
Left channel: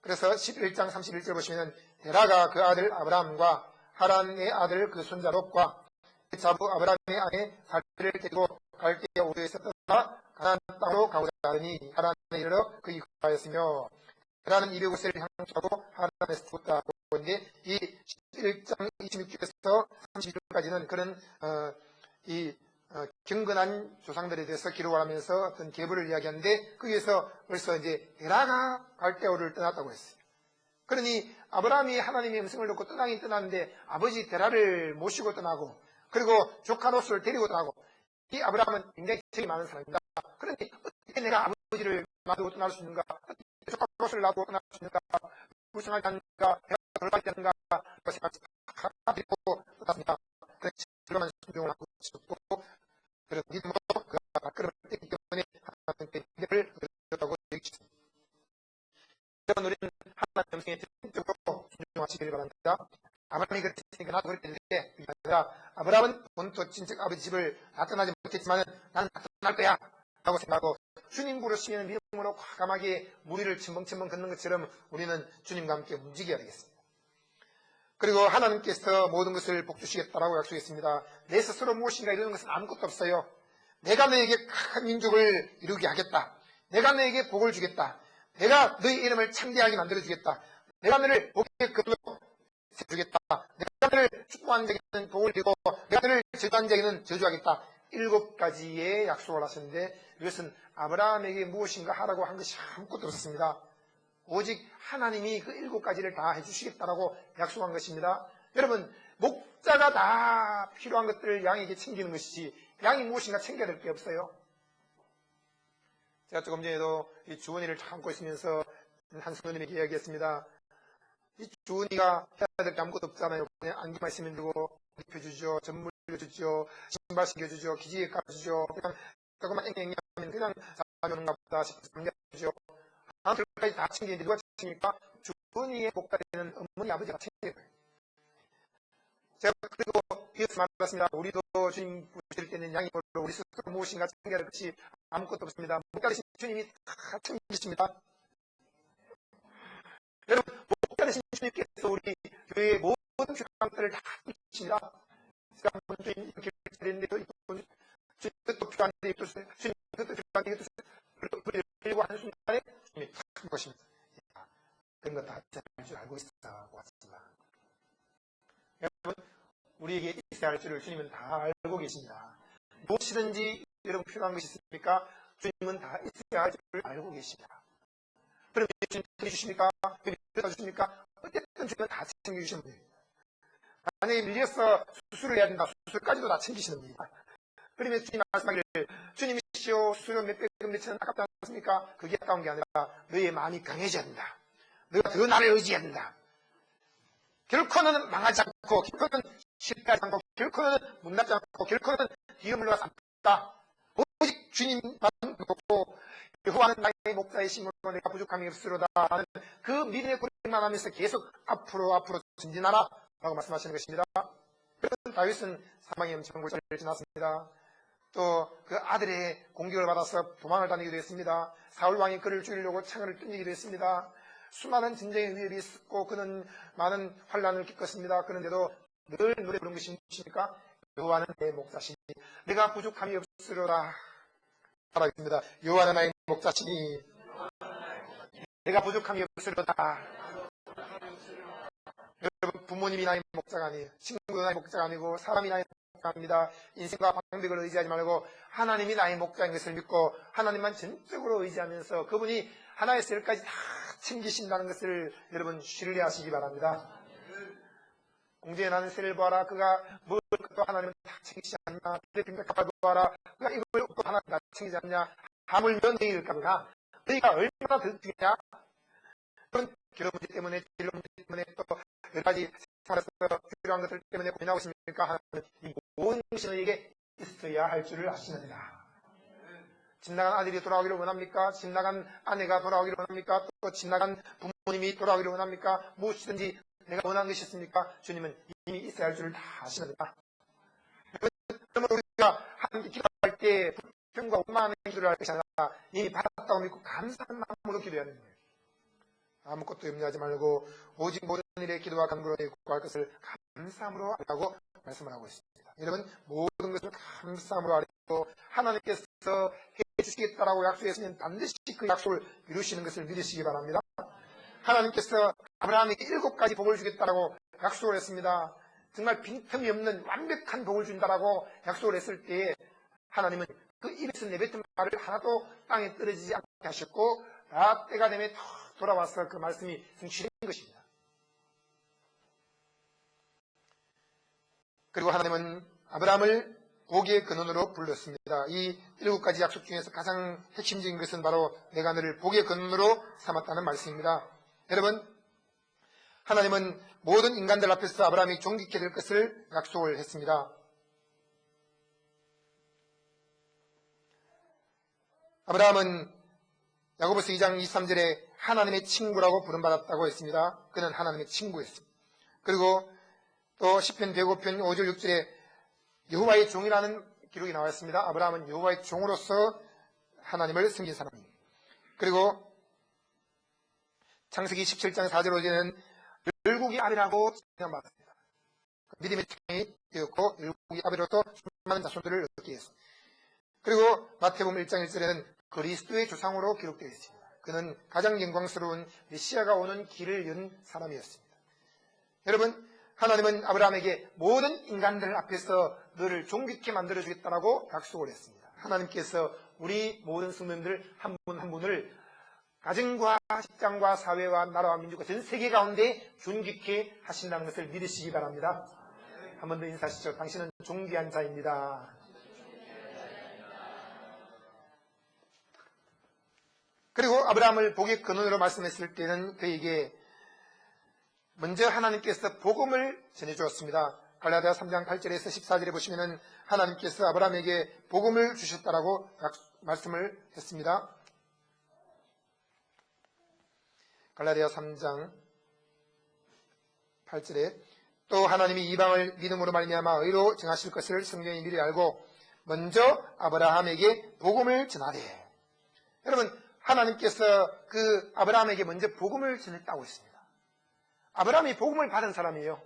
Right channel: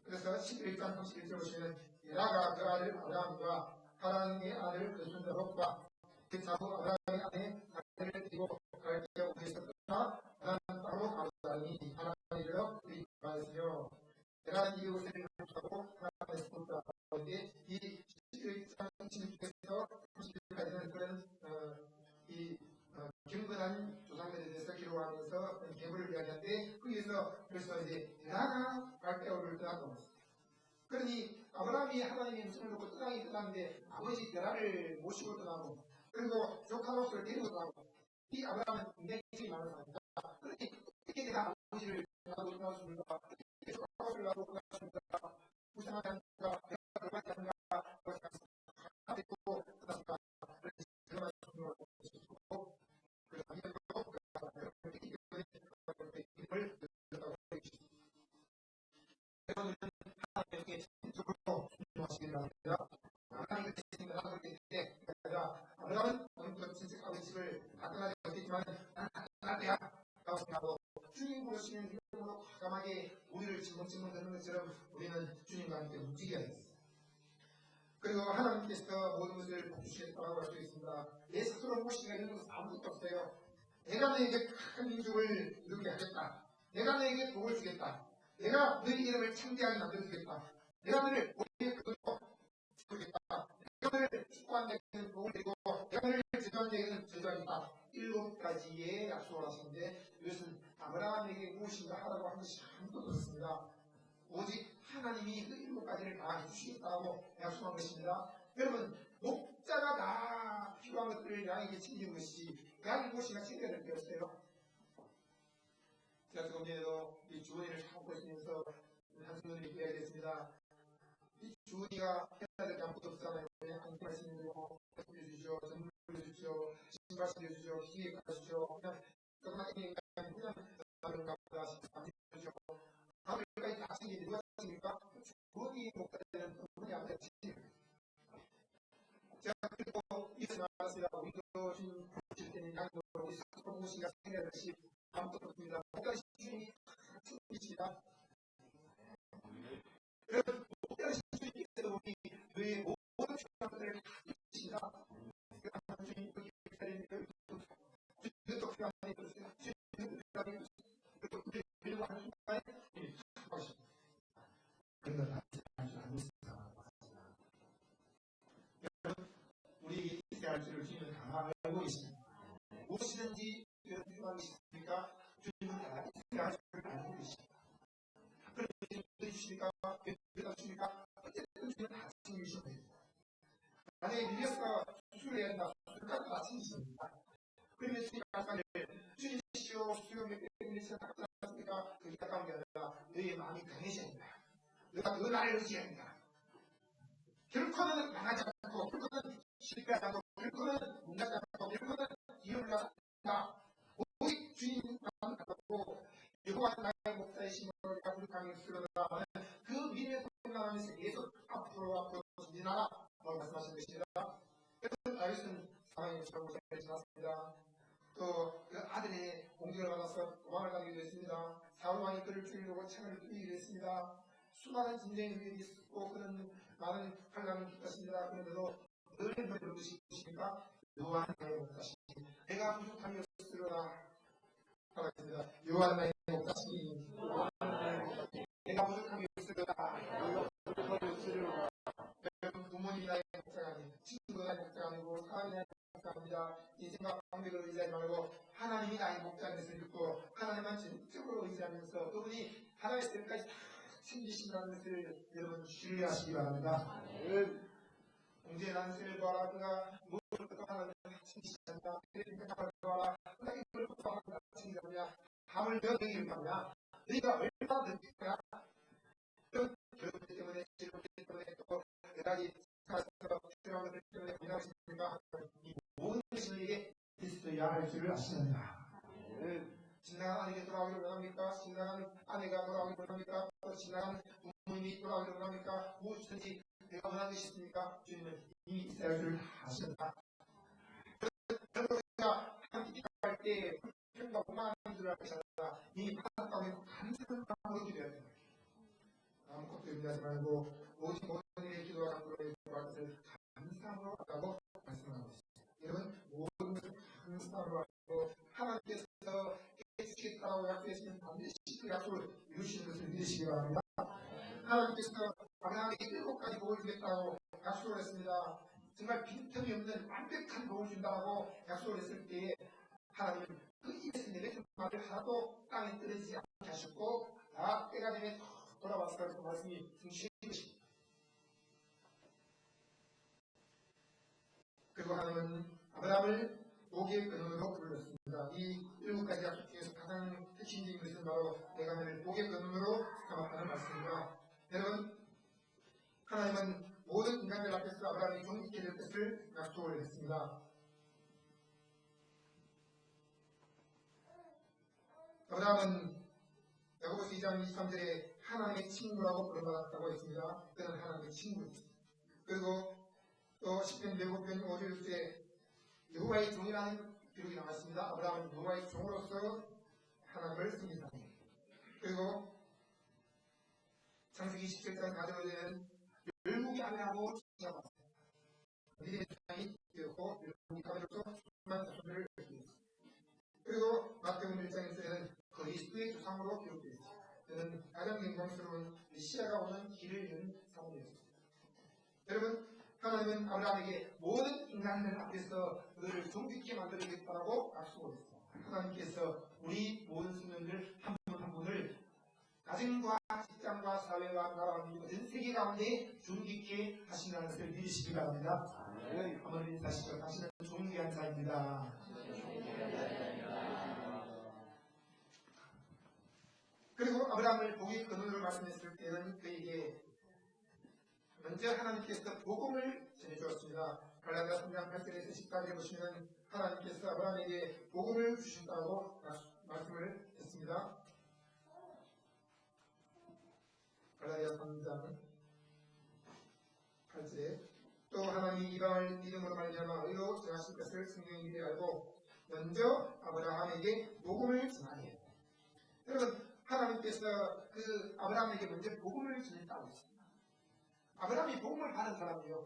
그래서 11장 31절 보시면 데라가 그 아들 아브라함과 하란의 아들 그 손자 롯과 그 자부 아브라함의 아내 사례를 데리고 갈대아 우르에서 떠나 가나안 땅으로 가고자 하더니 하란에 이르러 그 이후하였으며 데라는 205세를 향하고 하란에서 죽었다고 하는데 이 11장 26절에서 32절까지는 그런 경건한 조상들에 대해서 기록을 하면서 어떤 계보를 이야기하는데 거기에서 벌써 이제 데라가 갈대아우르를 떠났다고 했어요. 그러니 아브라함이 하나님의 음성을 듣고 떠나긴 떠났는데 아버지 데라를 모시고 떠나고 그리고 조카 롯을 데리고 떠나고 이 아브라함은 굉장히 정이 많은 사람입니다. 그런데 어떻게 내가 아버지를 놔두고 떠날 수 있는가? 어떻게 조카 롯을 놔두고 떠날 수 있는가? 불쌍하지 않는가? 배가 돌아가지 않는가? 그 생각이 다 들고 떠났습니다. 그래서 그러면 순종을 하고 있었고 그래서 믿음으로 그가 발걸음을 뗐기 때문에 하나님께 믿음을 얻었다고 얘기했습니다. 그런 우리는 하나님의 음성에 적극적으로 순종하시기를 바랍니다. 아브라함이 그렇게 했으니까 나도 그렇게 했는데 그게 아니라 아브라함은 본토 친척 아버지 집을 다 떠나지 못했지만 나는 다 떠날 거야 라고 생각하고 주님 부르시면 믿음으로 과감하게 무리를 첨벙첨벙 걷는 것처럼 우리는 주님과 함께 움직여야 되겠습니다. 그리고 하나님께서 모든 것을 복주시겠다라고 약속했습니다. 내 스스로 무엇인가 이루는 것은 아무것도 없어요. 내가 너에게 큰 민족을 이루게 하겠다. 내가 너에게 복을 주겠다. 내가 너의 이름을 창대하게 만들어주겠다. 내가 너를 복의 근원으로 세워주겠다. 내가 너를 축복한 자에게는 복을 주고 내가 너를 저주한 자에게는 저주하겠다. 7가지의 약속을 하셨는데 이것은 아브라함에게 무엇인가 하라고 한 것이 아무것도 없었습니다. 오직 하나님이 그 7가지를 다 해주시겠다라고 약속한 것입니다. 여러분 목자가 다 필요한 것들을 양에게 챙기는 것이지 양이 무엇인가 챙겨야 될 게 없어요. 제가 조금 전에도 이 주원이를 참고 있으면서 한 성도님에게 이야기했습니다. 이 주원이가 해야 될 게 아무것도 없잖아요. 그냥 안기만 있으면 되고 입혀주죠. 전물 주죠. 신발 신겨주죠. 기지개 깔아주죠. 그냥 조금만 앵앵하면 그냥 사람이 보다 싶어서 안겨주죠. 다음 결까지 다 챙기는데 누가 챙깁니까? 주원이의 목자리는 어머니 아버지가 챙겨요. 제가 그래도 이어서 말했습니다. 우리도 주님 부르실 때는 양이 별로 우리 스스로 무엇인가 챙겨야 할 것이 아무것도 없습니다. 목자리신 주님이 다 챙기십니다. 여러분 목자리신 주님께서 우리 교회의 모든 필요함들을 다 챙기십니다. 제가 한번 주님 이렇게 드렸는데 주님 그것도 필요한데 주님 그것도 필요한데 이것도 우리를 들고 하는 순간에 주님이 탁 한 것입니다. 그런 건 다 할 줄 알고 있어 왔지만 여러분 우리에게 있어야 할 줄을 주님은 다 알고 계십니다. 무엇이든지 여러분 필요한 것이 있습니까? 주님은 다 있어야 할 줄을 알고 계십니다. 그럼 주님 챙겨주십니까? 주십니까? 어쨌든 주님은 다 챙겨주시면 됩니다. 만약에 밀려서 수술을 해야 된다. 수술까지도 다 챙기시는 분이다. 그러면 주님 말씀하기를 주님이시오 수술은 몇 백은 몇천 원 아깝지 않습니까? 그게 아까운 게 아니라 너의 마음이 강해져야 된다. 너가 더 나를 의지해야 된다. 결코는 망하지 않고 결코는 실패하지 않고 결코는 못나지 않고 결코는 뒤로 물러가지 않다. 오직 주님만 보고 여호와는 나의 목자이심으로 내가 부족함이 없으로다 하는 그 믿음의 고백만 하면서 계속 앞으로 전진하라 라고 말씀하시는 것입니다. 그래서 다윗은 사망의 엄청난 골짜기를 지났습니다. 또 그 아들의 공격을 받아서 도망을 다니기도 했습니다. 사울 왕이 그를 죽이려고 창을 던지기도 했습니다. 수많은 전쟁의 위협이 있었고 그는 많은 환란을 겪었습니다. 그런데도 늘 노래 부른 것이 무엇입니까? 여호와는 내 목자시니 내가 부족함이 없으리라 말하겠습니다. 여호와는 나의 목자시니 내가 부족함이 없으리로다. 여러분, 부모님이 나의 목자가 아니에요. 친구가 나의 목자가 아니고 사람이 나의 목자입니다. 인생과 방백을 의지하지 말고 하나님이 나의 목자인 것을 믿고 하나님만 전적으로 의지하면서 그분이 하나의 셀까지 다 챙기신다는 것을 여러분 신뢰하시기 바랍니다. 공중에 나는 새를 보아라. 그가 먹을 것도 하나님은 다 챙기지 않냐. 빈백합을 보아라. 그가 입을 것도 하나님 다 챙기지 않냐. 하물며 너희일까보나 너희가 얼마나 더 중요냐. 그런 결혼 문제 때문에 진로 문제 때문에 또 여러 가지 생활에서 필요한 것들 때문에 고민하고 있습니까? 하나님은 이 모든 것이 너희에게 있어야 할 줄을 아시는다. 집 나간 아들이 돌아오기를 원합니까? 집 나간 아내가 돌아오기를 원합니까? 또 집 나간 부모님이 돌아오기를 원합니까? 무엇이든지 내가 원하는 것이 있습니까? 주님은 이미 있어야 할 줄을 다 아시는다. 그러면 우리가 하나님께 기도할 때 불평과 원망하는 기도를 할 것이 아니라 이미 받았다고 믿고 감사한 마음으로 기도해야 됩니다. 아무것도 염려하지 말고 오직 모든 일에 기도와 간구로 구할 것을 감사함으로 하라고 말씀을 하고 있습니다. 여러분, 모든 것을 감사함으로 하고 하나님께서 해주시겠다라고 약속했으면 반드시 그 약속을 이루시는 것을 믿으시기 바랍니다. 하나님께서 아브라함에게 7가지 복을 주겠다라고 약속을 했습니다. 정말 빈틈이 없는 완벽한 복을 준다라고 약속을 했을 때에 하나님은 그 입에서 내뱉은 말을 하나도 땅에 떨어지지 않게 하셨고 다 때가 되면 돌아와서 그 말씀이 성취된 것입니다. 그리고 하나님은 아브라함을 복의 근원으로 불렀습니다. 이 7가지 약속 중에서 가장 핵심적인 것은 바로 내가 너를 복의 근원으로 삼았다는 말씀입니다. 여러분, 하나님은 모든 인간들 앞에서 아브라함이 존귀케 될 것을 약속을 했습니다. 아브라함은 야고보서 2장 23절에 하나님의 친구라고 부름받았다고 했습니다. 그는 하나님의 친구였습니다. 그리고 또 시편 105편 5절 6절에 여호와의 종이라는 기록이 나와 있습니다. 아브라함은 여호와의 종으로서 하나님을 섬긴 사람입니다. 그리고 창세기 17장 4절 5절에는 열국이 아비라고 칭함받았습니다. 믿음의 창이 되었고 열국이 아비로서 수많은 자손들을 얻게 했습니다. 그리고 마태복음 1장 1절에는 그리스도의 조상으로 기록되어 있습니다. 그는 가장 영광스러운 메시아가 오는 길을 연 사람이었습니다. 여러분, 하나님은 아브라함에게 모든 인간들 앞에서 너를 존귀케 만들어주겠다라고 약속을 했습니다. 하나님께서 우리 모든 성도님들 한 분 한 분을 가정과 직장과 사회와 나라와 민족과 전 세계 가운데 존귀케 하신다는 것을 믿으시기 바랍니다. 한 번 더 인사하시죠. 당신은 존귀한 자입니다. 그리고 아브라함을 복의 근원으로 말씀했을 때는 그에게 먼저 하나님께서 복음을 전해주었습니다. 갈라디아 3장 8절에서 14절에 보시면 하나님께서 아브라함에게 복음을 주셨다라고 말씀을 했습니다. 갈라디아 3장 8절에 또 하나님이 이방을 믿음으로 말미암아 의로 정하실 것을 성경이 미리 알고 먼저 아브라함에게 복음을 전하되. 여러분, 하나님께서 그 아브라함에게 먼저 복음을 전했다고 했습니다. 아브라함이 복음을 받은 사람이에요.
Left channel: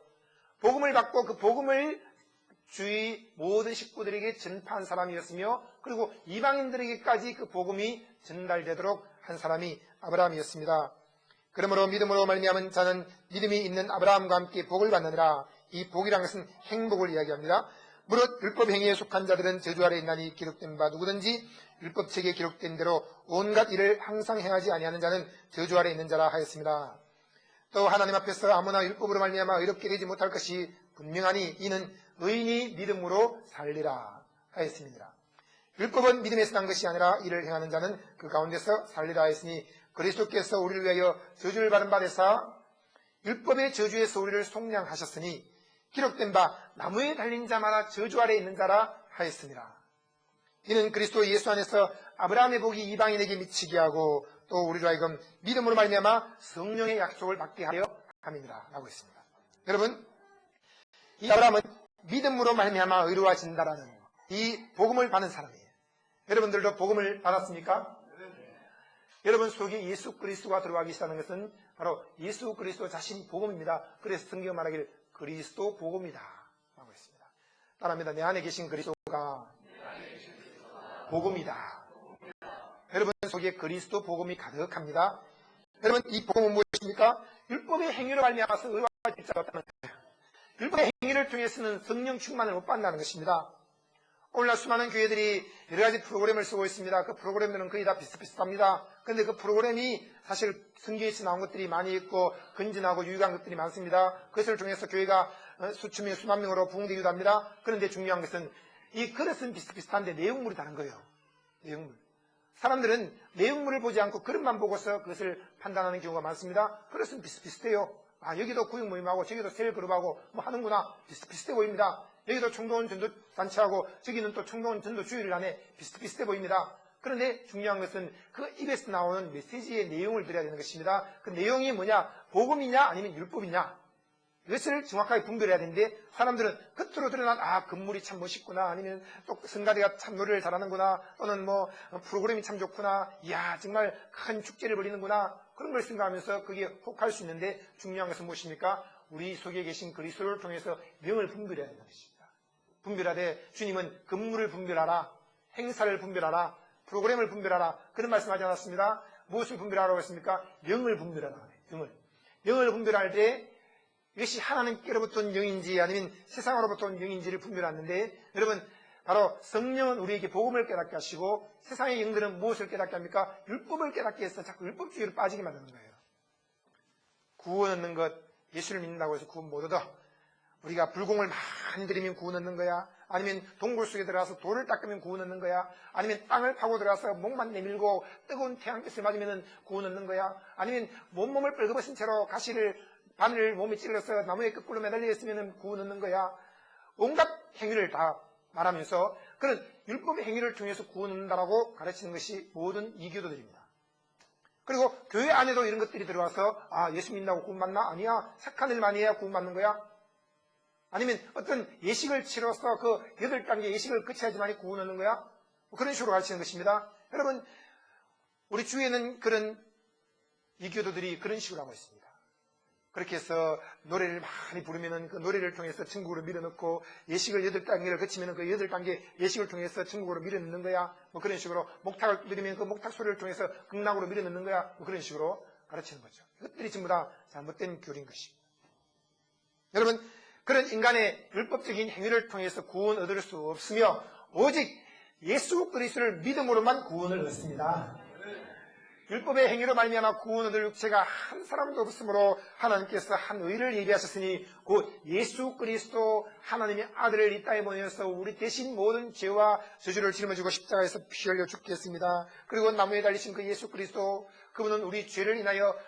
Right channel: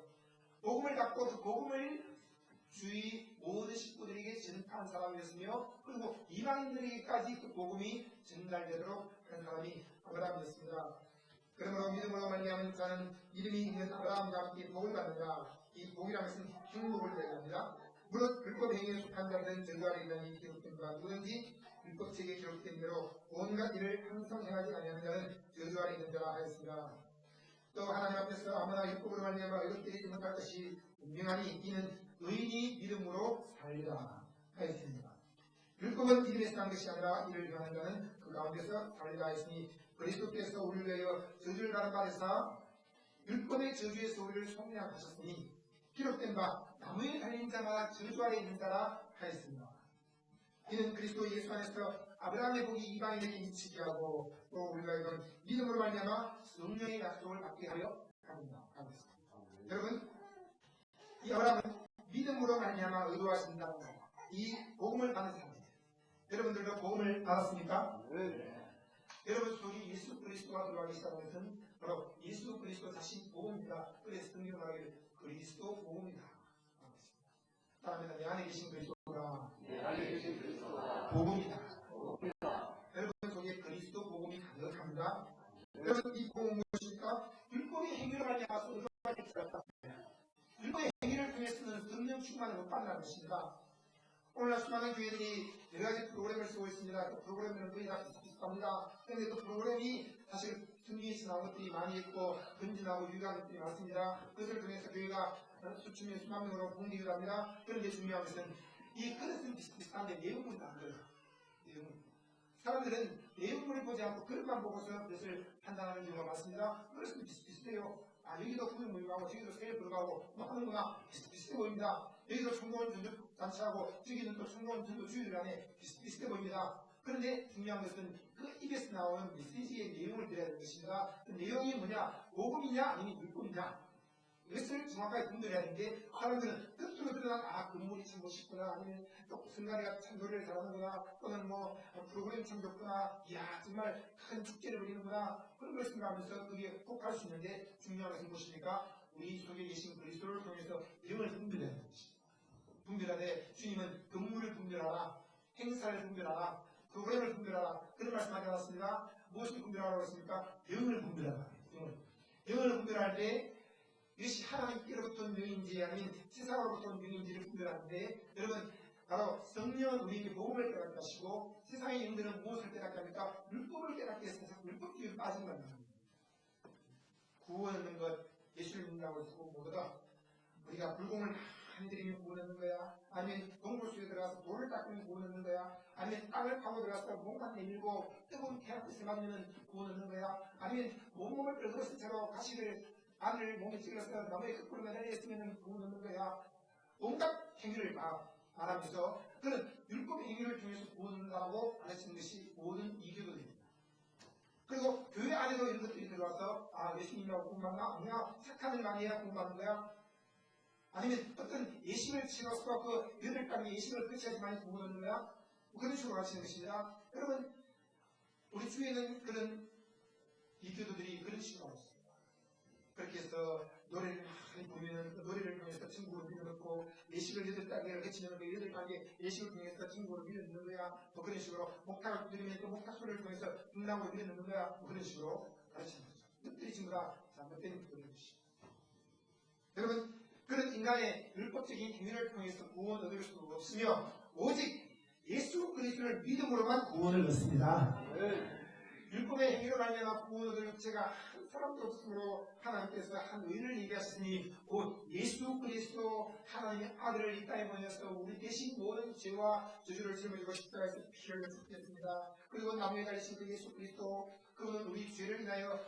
복음을 받고 그 복음을 주위 모든 식구들에게 전파한 사람이었으며 그리고 이방인들에게까지 그 복음이 전달되도록 한 사람이 아브라함이었습니다. 그러므로 믿음으로 말미암은 자는 믿음이 있는 아브라함과 함께 복을 받느니라. 이 복이라는 것은 행복을 이야기합니다. 무릇 율법 행위에 속한 자들은 저주 아래 있나니 기록된 바 누구든지 율법책에 기록된 대로 온갖 일을 항상 행하지 아니하는 자는 저주 아래 있는 자라 하였습니다. 또 하나님 앞에서 아무나 율법으로 말미암아 의롭게 되지 못할 것이 분명하니 이는 의인이 믿음으로 살리라 하였습니다. 율법은 믿음에서 난 것이 아니라 이를 행하는 자는 그 가운데서 살리라 하였으니 그리스도께서 우리를 위하여 저주를 받은 바 되사 율법의 저주에서 우리를 속량하셨으니 기록된 바 나무에 달린 자마다 저주 아래 있는 자라 하였습니다. 이는 그리스도 예수 안에서 아브라함의 복이 이방인에게 미치게 하고 또 우리로 하여금 믿음으로 말미암아 성령의 약속을 받게 하려 함이니라 라고 했습니다. 여러분, 이 아브라함은 믿음으로 말미암아 의로워진다라는 이 복음을 받는 사람이에요. 여러분들도 복음을 받았습니까? 여러분 속에 예수 그리스도가 들어가기 시작하는 것은 바로 예수 그리스도 자신 복음입니다. 그래서 성경 말하기를 그리스도 복음이다 라고 했습니다. 따라합니다. 내 안에 계신 그리스도가 복음이다. 여러분 속에 그리스도 복음이 가득합니다. 여러분 이 복음은 무엇입니까? 율법의 행위로 말미암아서 의로워질 자가 없다는 거예요. 율법의 행위를 통해서는 성령 충만을 못 받는다는 것입니다. 오늘날 수많은 교회들이 여러 가지 프로그램을 쓰고 있습니다. 그 프로그램들은 거의 다 비슷비슷합니다. 그런데 그 프로그램이 사실 성경에서 나온 것들이 많이 있고 건전하고 유익한 것들이 많습니다. 그것을 통해서 교회가 수천 명, 수만 명으로 부흥되기도 합니다. 그런데 중요한 것은 이 그릇은 비슷비슷한데 내용물이 다른 거예요. 내용물. 사람들은 내용물을 보지 않고 그릇만 보고서 그것을 판단하는 경우가 많습니다. 그릇은 비슷비슷해요. 아, 여기도 구역 모임하고 저기도 세일 그룹하고 뭐 하는구나. 비슷비슷해 보입니다. 여기도 청동원 전도단체하고 저기는 또 청동원 전도주의를 하네. 비슷비슷해 보입니다. 그런데 중요한 것은 그 입에서 나오는 메시지의 내용을 들어야 되는 것입니다. 그 내용이 뭐냐? 복음이냐 아니면 율법이냐? 이것을 정확하게 분별해야 되는데 사람들은 겉으로 드러난 건물이 참 멋있구나 아니면 또 성가대가 참 노래를 잘하는구나 또는 뭐 프로그램이 참 좋구나 이야 정말 큰 축제를 벌이는구나 그런 걸 생각하면서 그게 혹할 수 있는데 중요한 것은 무엇입니까? 우리 속에 계신 그리스도를 통해서 영을 분별해야 된다는 것입니다. 분별하되 주님은 건물을 분별하라 행사를 분별하라 프로그램을 분별하라 그런 말씀하지 않았습니다. 무엇을 분별하라고 했습니까? 영을 분별하라. 영을 분별할 때 이것이 하나님께로부터 온 영인지 아니면 세상으로부터 온 영인지를 분별하는데 여러분 바로 성령은 우리에게 복음을 깨닫게 하시고 세상의 영들은 무엇을 깨닫게 합니까? 율법을 깨닫게 해서 자꾸 율법주의로 빠지게 만드는 거예요. 구원 얻는 것 예수를 믿는다고 해서 구원 못 얻어. 우리가 불공을 많이 들이면 구원 얻는 거야? 아니면 동굴 속에 들어가서 돌을 닦으면 구원 얻는 거야? 아니면 땅을 파고 들어가서 목만 내밀고 뜨거운 태양빛을 맞으면 구원 얻는 거야? 아니면 몸을 뻘거벗은 채로 바늘을 몸에 찔러서 나무에 거꾸로 매달려 있으면 구원 얻는 거야? 온갖 행위를 다 말하면서 그런 율법의 행위를 통해서 구원 얻는다라고 가르치는 것이 모든 이교도들입니다. 그리고 교회 안에도 이런 것들이 들어와서 예수 믿는다고 구원 받나? 아니야. 착한 일만 해야 구원 받는 거야? 아니면 어떤 예식을 치러서 그 8단계 예식을 거쳐야지만 구원 얻는 거야? 그런 식으로 가르치는 것입니다. 여러분 우리 주위에는 그런 이교도들이 그런 식으로 하고 있습니다. 그렇게 해서 노래를 많이 부르면은 그 노래를 통해서 천국으로 밀어넣고 예식을 8단계를 거치면은 그 8단계 예식을 통해서 천국으로 밀어넣는 거야. 뭐 그런 식으로 목탁을 누리면 그 목탁 소리를 통해서 극락으로 밀어넣는 거야. 뭐 그런 식으로 가르치는 거죠. 이것들이 전부 다 잘못된 교리인 것입니다. 여러분 그런 인간의 율법적인 행위를 통해서 구원 얻을 수 없으며 오직 예수 그리스도를 믿음으로만 구원을 얻습니다. 율법의 행위로 말미암아 구원 얻을 육체가 한 사람도 없으므로 하나님께서 한 의를 예비하셨으니 곧 예수 그리스도 하나님의 아들을 이 땅에 보내어서 우리 대신 모든 죄와 저주를 짊어지고 십자가에서 피 흘려 죽게 했습니다. 그리고 나무에 달리신 그 예수 그리스도 그분은 우리 죄를 인하여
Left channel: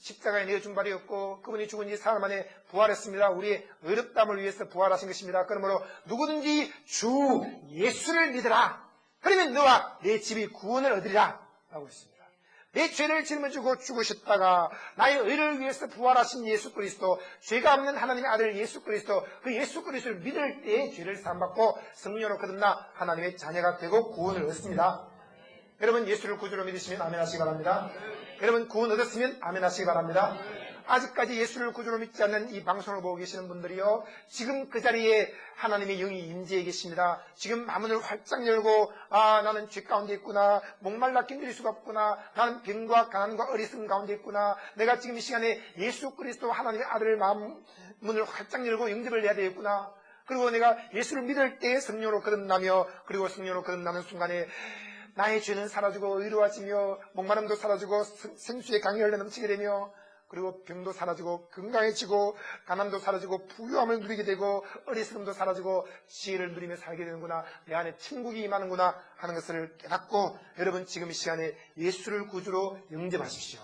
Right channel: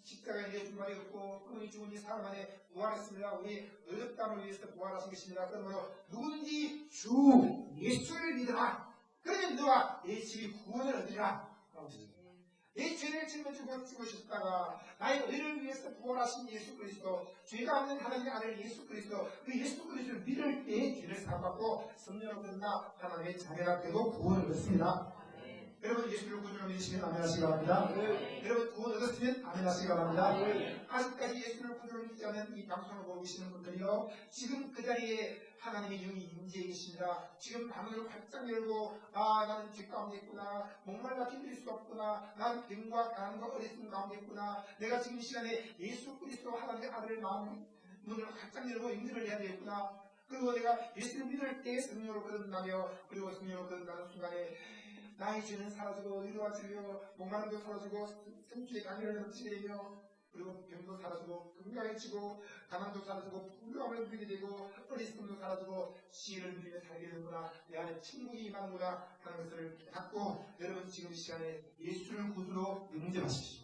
십자가에 내어준 바이었고 그분이 죽은 지 사흘 만에 부활했습니다. 우리의 의롭다함을 위해서 부활하신 것입니다. 그러므로 누구든지 주 예수를 믿으라. 그러면 너와 내 집이 구원을 얻으리라 라고 했습니다. 내 죄를 짊어지고 죽으셨다가 나의 의를 위해서 부활하신 예수 그리스도 죄가 없는 하나님의 아들 예수 그리스도 그 예수 그리스도를 믿을 때에 죄를 사함받고 성령으로 거듭나 하나님의 자녀가 되고 구원을 얻습니다. 여러분 예수를 구주로 믿으시면 아멘 하시기 바랍니다. 여러분 구원 얻었으면 아멘 하시기 바랍니다. 아직까지 예수를 구주로 믿지 않는 이 방송을 보고 계시는 분들이요 지금 그 자리에 하나님의 영이 임재해 계십니다. 지금 마음을 활짝 열고 나는 죄 가운데 있구나 목말라 견딜 수가 없구나 나는 병과 가난과 어리석음 가운데 있구나 내가 지금 이 시간에 예수 그리스도 하나님의 아들을 문을 활짝 열고 영접을 해야 되겠구나 그리고 내가 예수를 믿을 때 성령으로 거듭나며 그리고 성령으로 거듭나는 순간에 나의 죄는 사라지고 의로워지며 목마름도 사라지고 생수의 강이 흘러 넘치게 되며 그리고 병도 사라지고 건강해지고 가난도 사라지고 부유함을 누리게 되고 어리석음도 사라지고 지혜를 누리며 살게 되는구나. 내 안에 천국이 임하는구나 하는 것을 깨닫고 여러분 지금 이 시간에 예수를 구주로 영접하십시오.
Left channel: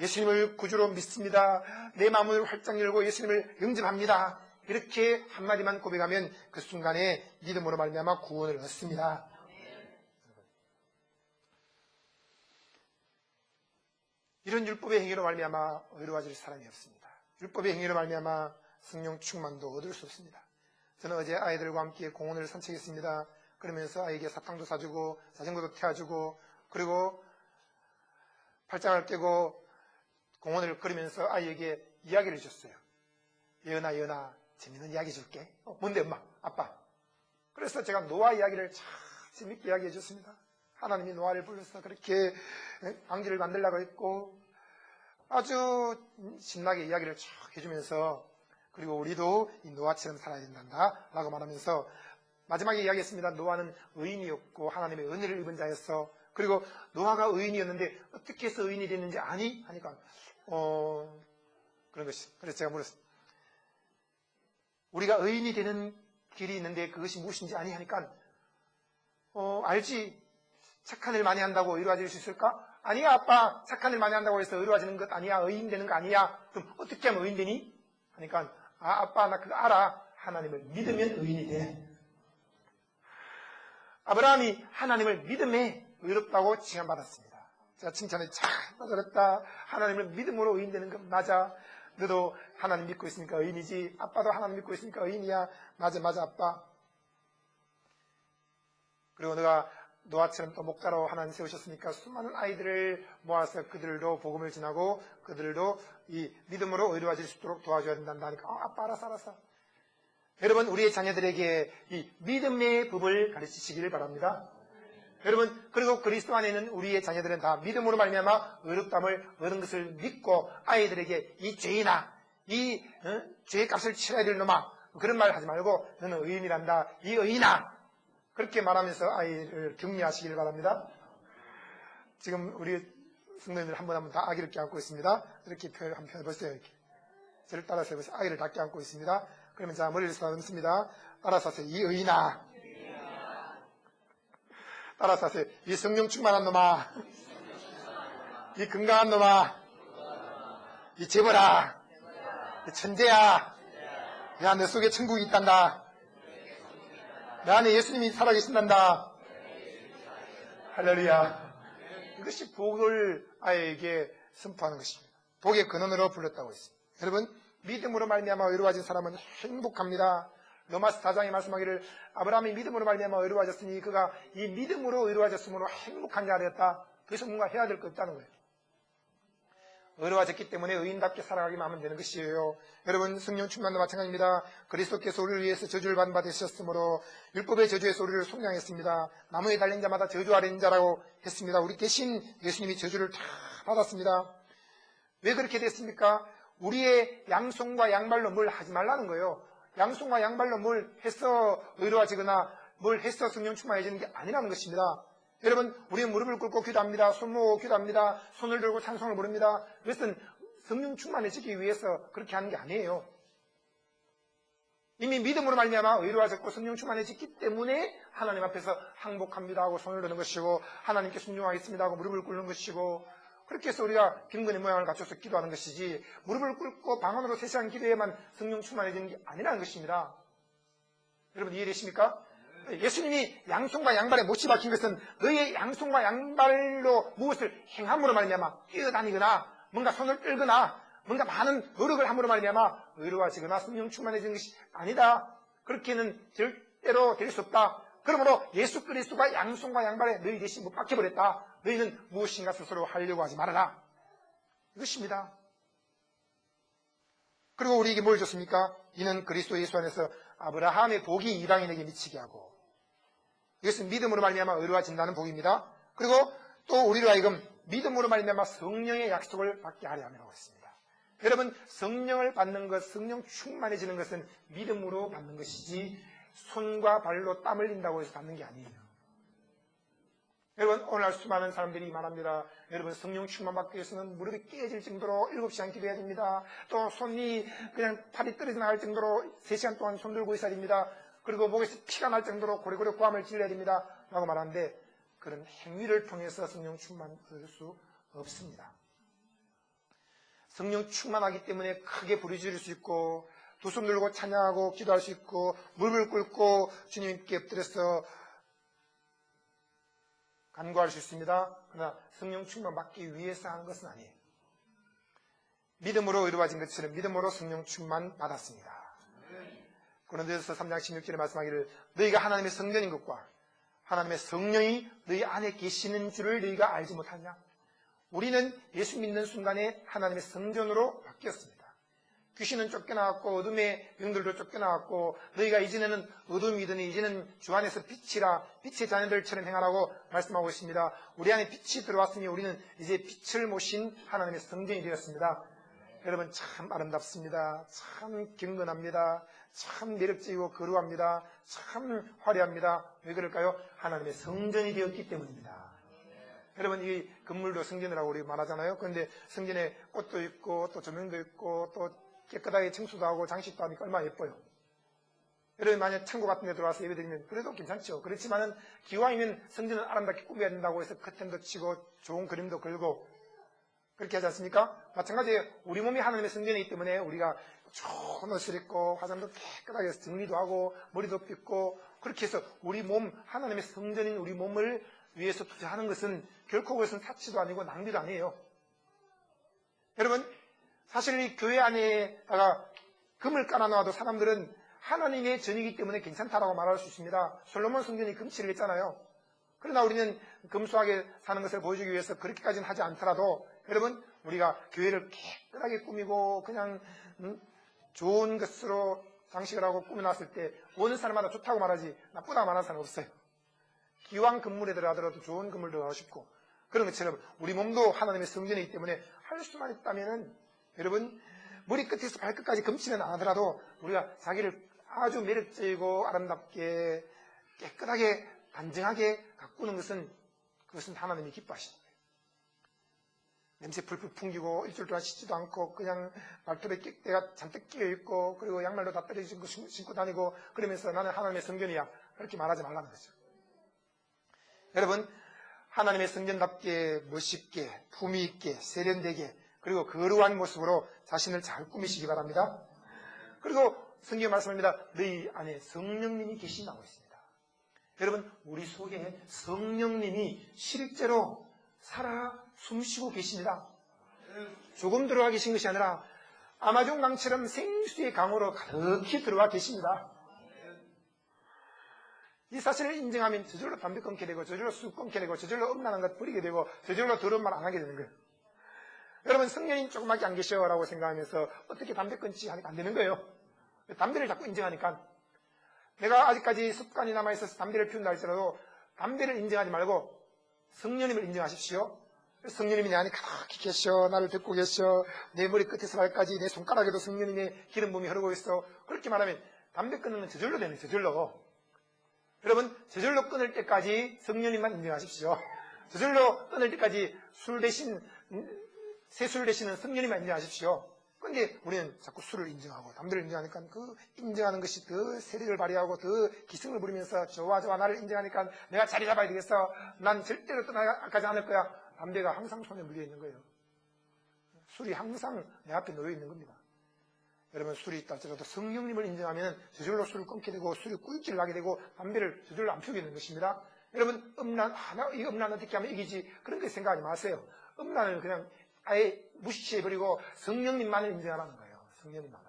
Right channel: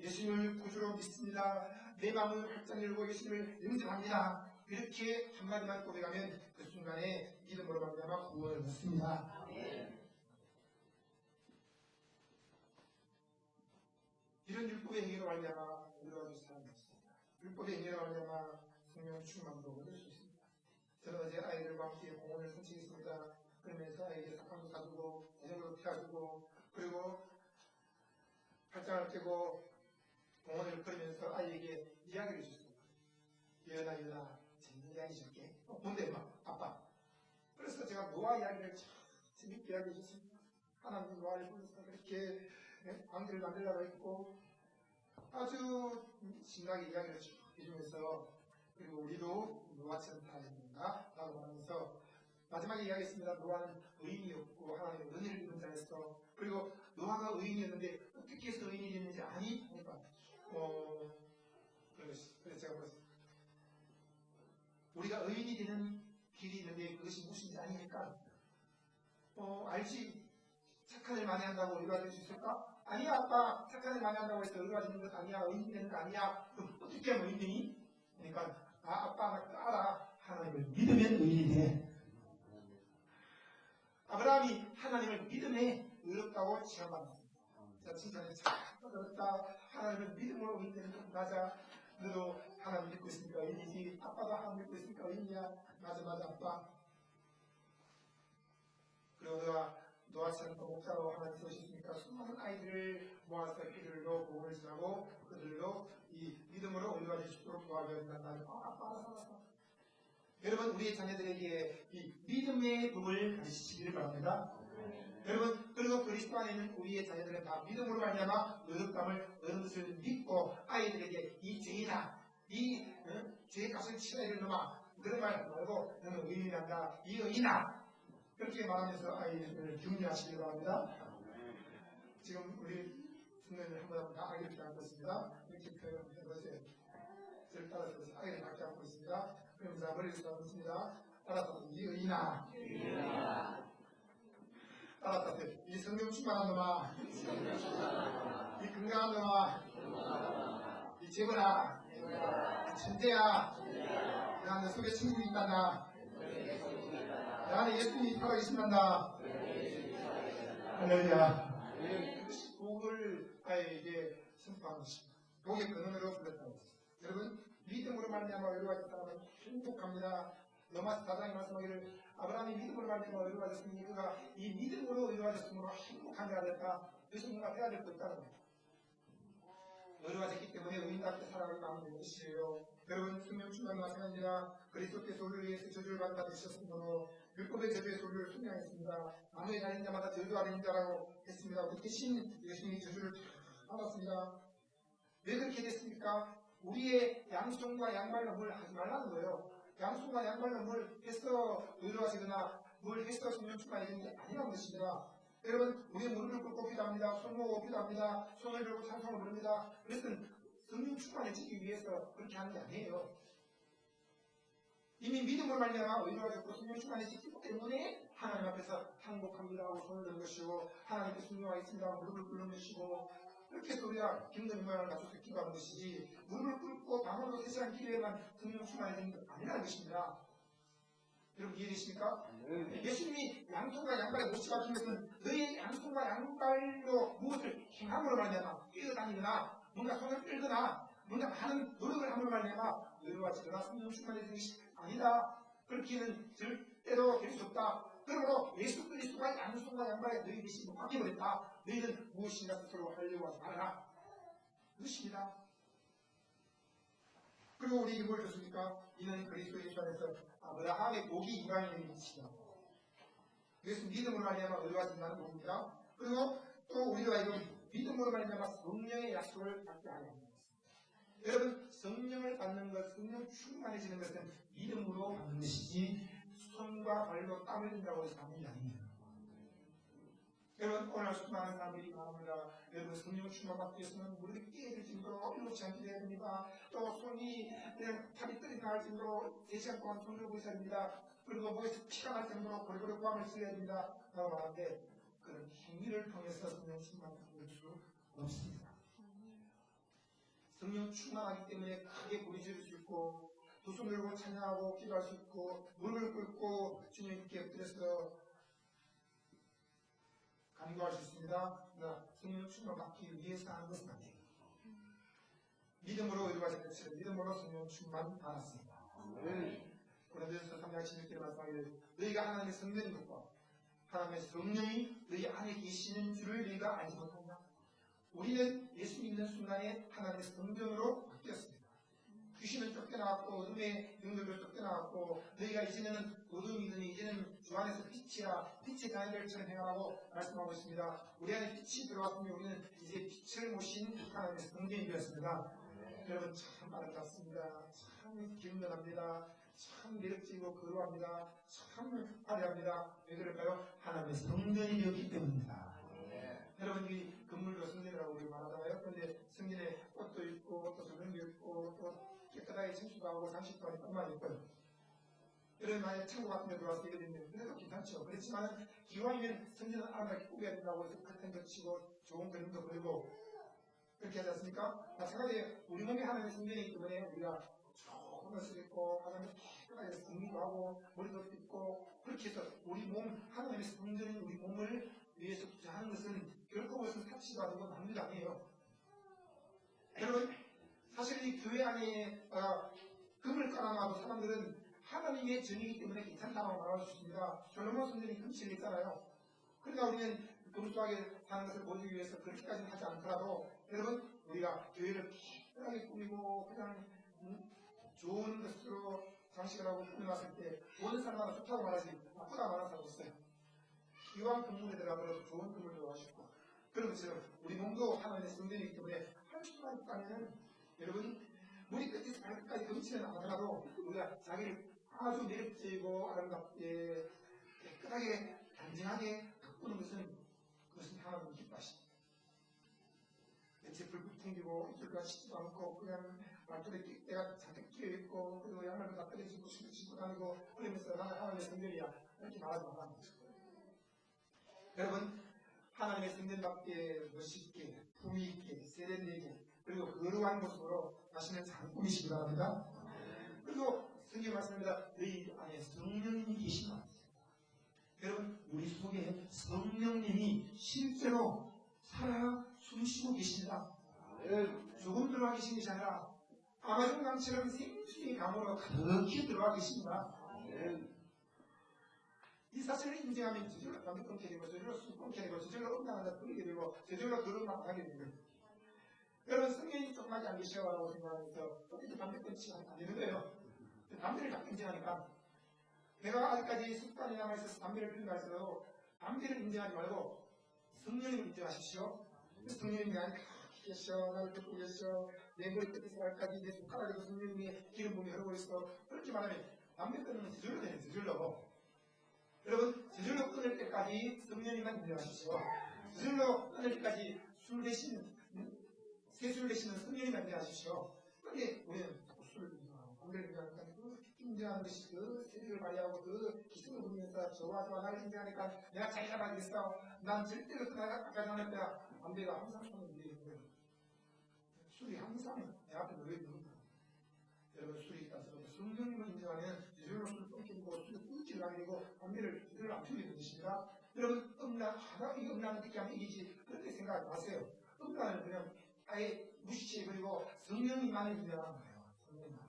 예수님을 구주로 믿습니다. 내 마음을 활짝 열고 예수님을 영접합니다. 이렇게 한마디만 고백하면 그 순간에 믿음으로 말미암아 구원을 얻습니다. 이런 율법의 행위로 말미암아 의로워질 사람이 없습니다. 율법의 행위로 말미암아 성령 충만도 얻을 수 없습니다. 저는 어제 아이들과 함께 공원을 산책했습니다. 그러면서 아이에게 사탕도 사주고 자전거도 태워주고 그리고 팔짱을 끼고 공원을 걸으면서 아이에게 이야기를 해줬어요. 예은아 재밌는 이야기 줄게. 뭔데 엄마? 아빠. 그래서 제가 노아 이야기를 참 재밌게 이야기해 줬습니다. 하나님이 노아를 불러서 그렇게 방주를 만들라고 했고 아주 신나게 이야기를 쭉 해주면서 그리고 우리도 이 노아처럼 살아야 된단다 라고 말하면서 마지막에 이야기했습니다. 노아는 의인이었고 하나님의 은혜를 입은 자였어. 그리고 노아가 의인이었는데 어떻게 해서 의인이 됐는지 아니? 하니까 그런 것이. 그래서 제가 물었어요. 우리가 의인이 되는 길이 있는데 그것이 무엇인지 아니? 하니까 알지. 착한 일 많이 한다고 의로워질 수 있을까? 아니야 아빠. 착한 일 많이 한다고 해서 의로워지는 것 아니야. 의인 되는 거 아니야. 그럼 어떻게 하면 의인 되니? 하니까 아빠 나 그거 알아. 하나님을 믿으면 의인이 돼. 아브라함이 하나님을 믿음에 의롭다고 칭함받았습니다. 제가 칭찬에 참 잘했다. 하나님을 믿음으로 의인 되는 건 맞아. 너도 하나님 믿고 있으니까 의인이지. 아빠도 하나님 믿고 있으니까 의인이야. 맞아 아빠. 그리고 너가 노아처럼 또 목자로 하나님 세우셨으니까 수많은 아이들을 모아서 그들도 복음을 전하고 그들도 이 믿음으로 의로워질 수 있도록 도와줘야 된단다 하니까 아빠 알았어. 여러분 우리의 자녀들에게 이 믿음의 법을 가르치시기를 바랍니다. 여러분 그리고 그리스도 안에 있는 우리의 자녀들은 다 믿음으로 말미암아 의롭다함을 얻은 것을 믿고 아이들에게 이 죄인아 이 죄의 값을 치러야 될 놈아 그런 말 하지 말고 너는 의인이란다. 이 의인아 그렇게 말하면서 아이를 격려하시길 바랍니다. 지금 우리 성도님들 한 분 다 아기를 껴안고 있습니다. 이렇게 한번 해보세요. 이렇게. 저를 따라서 해보세요. 아기를 다 껴안고 있습니다. 그러면 자 머리를 쓰다듬습니다. 따라서 하세요. 이 의인아. 따라서 하세요. 이 성령 충만한 놈아. 이 건강한 놈아. 이 재벌아. 이 천재야. 야, 내 속에 천국이 있단다. 내 안에 예수님이 살아계신단다. 할렐루야. 이것이 복을 아이에게 선포하는 것입니다. 복의 근원으로 불렀다고 했습니다. 여러분 믿음으로 말미암아 의로워진 사람은 행복합니다. 로마서 4장에 말씀하기를 아브라함이 믿음으로 말미암아 의로워졌으니 그가 이 믿음으로 의로워졌으므로 행복한 자가 되었다. 그래서 뭔가 해야 될 것 없다는 거예요. 의로워졌기 때문에 의인답게 살아가기만 하면 되는 것이에요. 여러분 성령 충만도 마찬가지입니다. 그리스도께서 우리를 위해서 저주를 받은 바 되셨으므로 율법의 저주에서 우리를 속량했습니다. 나무에 달린 자마다 저주 아래 있는 자라고 했습니다. 우리 대신 예수님이 저주를 다 받았습니다. 왜 그렇게 됐습니까? 우리의 양손과 양발로 뭘 하지 말라는 거예요. 양손과 양발로 뭘 해서 의로워지거나 뭘 해서 성령 충만해지는 게 아니라는 것입니다. 여러분 우리는 무릎을 꿇고 기도합니다. 손 모으고 기도합니다. 손을 들고 찬송을 부릅니다. 그것은 성령 충만해지기 위해서 그렇게 하는 게 아니에요. 이미 믿음으로 말미암아 의로워졌고 성령 충만해졌기 때문에 하나님 앞에서 항복합니다 하고 손을 드는 것이고 하나님께 순종하겠습니다 하고 무릎을 꿇는 것이고 그렇게 해서 우리가 경건의 모양을 갖춰서 기도하는 것이지 무릎을 꿇고 방언으로 세시한 기도에만 성령 충만해지는 게 아니라는 것입니다. 여러분 이해되십니까? 예수님이 양손과 양발에 못이 박힌 것은 너의 양손과 양발로 무엇을 행함으로 말미암아 뛰어다니거나 뭔가 손을 끌거나 뭔가 많은 노력을 함으로 말미암아 의로워지거나 성령 충만해지는 것이 아니다. 그렇게는 절대로 될 수 없다. 그러므로 예수 그리스도가 양손과 양발에 너희 대신 못 박혀버렸다. 너희는 무엇인가 스스로 하려고 하지 말아라. 이것입니다. 그리고 우리에게 뭘 줬습니까? 이는 그리스도 예수 안에서 아브라함의 복이 이방인에게 미치게 하고 이것은 믿음으로 말미암아 의로워진다는 복입니다. 그리고 또 우리로 하여금 믿음으로 말미암아 성령의 약속을 받게 하려 함이라고 했습니다. 여러분 성령을 받는 것, 성령 충만해지는 것은 믿음으로 받는 것이지 손과 발로 땀을 흘린다고 해서 받는 게 아니에요. 여러분, 오늘날 수많은 사람들이 말합니다. 여러분, 성령 충만 받기 위해서는 무릎이 깨질 정도로 7시간 기도해야 됩니다. 또 손이 그냥 팔이 떨어져 나갈 정도로 3시간 동안 손 들고 있어야 됩니다. 그리고 목에서 피가 날 정도로 고리고리 고함을 질러야 됩니다. 라고 말하는데, 그런 행위를 통해서 성령 충만 얻을 수 없습니다. 성령 충만하기 때문에 크게 부르짖을 수 있고, 두 손 들고 찬양하고 기도할 수 있고, 무릎을 꿇고 주님께 엎드려서 간구할 수 있습니다. 그러나 성령 충만 받기 위해서 하는 것은 아니에요. 믿음으로 이루어진 것처럼 믿음으로 성령 충만 받았습니다. 고린도전서 3장 16절에 말씀하기를 너희가 하나님의 성전인 것과 하나님의 성령이 너희 안에 계시는 줄을 너희가 알지 못하냐? 우리는 예수 믿는 순간에 하나님의 성전으로 바뀌었습니다. 귀신은 쫓겨나갔고 어둠의 영들도 쫓겨나갔고 너희가 이제는 어둠이더니 이제는 주 안에서 빛이라 빛의 자녀들처럼 행하라고 말씀하고 있습니다. 우리 안에 빛이 들어왔으니 우리는 이제 빛을 모신 하나님의 성전이 되었습니다. 여러분 참 아름답습니다. 참 경건합니다. 참 매력적이고 거룩합니다. 참 화려합니다. 왜 그럴까요? 하나님의 성전이 되었기 때문입니다. 여러분 이 건물도 성전이라고 우리 말하잖아요. 그런데 성전에 꽃도 있고 또 조명도 있고 또 깨끗하게 청소도 하고 장식도 하니까 얼마나 예뻐요. 여러분 만약 창고 같은 데 들어와서 예배드리면 그래도 괜찮죠. 그렇지만은 기왕이면 성전은 아름답게 꾸며야 된다고 해서 커튼도 치고 좋은 그림도 걸고 그렇게 하지 않습니까? 마찬가지예요. 우리 몸이 하나님의 성전이기 때문에 우리가 좋은 옷을 입고 화장도 깨끗하게 해서 정리도 하고 머리도 빗고 그렇게 해서 우리 몸 하나님의 성전인 우리 몸을 위해서 투자하는 것은 결코 그것은 사치도 아니고 낭비도 아니에요. 여러분 사실 이 교회 안에다가 금을 깔아놓아도 사람들은 하나님의 전이기 때문에 괜찮다라고 말할 수 있습니다. 솔로몬 성전이 금칠을 했잖아요. 그러나 우리는 금수하게 사는 것을 보여주기 위해서 그렇게까지는 하지 않더라도 여러분 우리가 교회를 깨끗하게 꾸미고 그냥 좋은 것으로 장식을 하고 꾸며놨을 때 오는 사람마다 좋다고 말하지 나쁘다고 말하는 사람은 없어요. 기왕 건물에 들어가더라도 좋은 건물 들어가고 싶고 그런 것처럼 우리 몸도 하나님의 성전이기 때문에 할 수만 있다면은 여러분 머리끝에서 발끝까지 금치는 안 하더라도 우리가 자기를 아주 매력적이고 아름답게 깨끗하게 단정하게 가꾸는 것은 그것은 하나님이 기뻐하십니다. 냄새 풀풀 풍기고 일주일 동안 씻지도 않고 그냥 말뚝에 때가 잔뜩 끼어있고 그리고 양말도 다 떨어진 거 신고 다니고 그러면서 나는 하나님의 성전이야 그렇게 말하지 말라는 거죠. 여러분 하나님의 성전답게 멋있게 품위 있게 세련되게 그리고 거룩한 모습으로 자신을 잘 꾸미시기 바랍니다. 그리고 성경에 말씀합니다. 너희 안에 성령님이 계신다고 했습니다. 여러분 우리 속에 성령님이 실제로 살아 숨쉬고 계십니다. 조금 들어와 계신 것이 아니라 아마존 강처럼 생수의 강으로 가득히 들어와 계십니다. 이 사실을 인정하면 저절로 담배 끊게 되고 저절로 술 끊게 되고 저절로 음란한 것 버리게 되고 저절로 더러운 말 안 하게 되는 거예요. 여러분 성령님 조금밖에 안 계셔라고 생각하면서 어떻게 담배 끊지 하니까 안 되는 거예요. 담배를 자꾸 인정하니까 내가 아직까지 습관이 남아있어서 담배를 피운다 할지라도 담배를 인정하지 말고 성령님을 인정하십시오. 성령님이 내 안에 가득히 계셔 나를 듣고 계셔 내 머리 끝에서 발까지 내 손가락에도 성령님의 기름 부음이 흐르고 있어. 그렇게 말하면 담배 끊는 건 저절로 되네. 저절로. 여러분 저절로 끊을 때까지 성령님만 인정하십시오. 저절로 끊을 때까지 술 대신 새술 대신은 성령님만 인정하십시오. 그런데 우리는 자꾸 술을 인정하고 담배를 인정하니까 그 인정하는 것이 더 세력을 발휘하고 더 기승을 부리면서 좋아 나를 인정하니까 내가 자리 잡아야 되겠어. 난 절대로 떠나가지 않을 거야. 담배가 항상 손에 물려 있는 거예요. 술이 항상 내 앞에 놓여 있는 겁니다. 여러분 술이 있다 할지라도 성령님을 인정하면 저절로 술을 끊게 되고 술이 꿀질 나게 되고 담배를 저절로 안 피우게 되는 것입니다. 여러분 이 음란 어떻게 하면 이기지 그런 거 생각하지 마세요. 음란을 그냥 아예 무시해버리고 성령님만을 인정하라는 거예요. 성령님만을.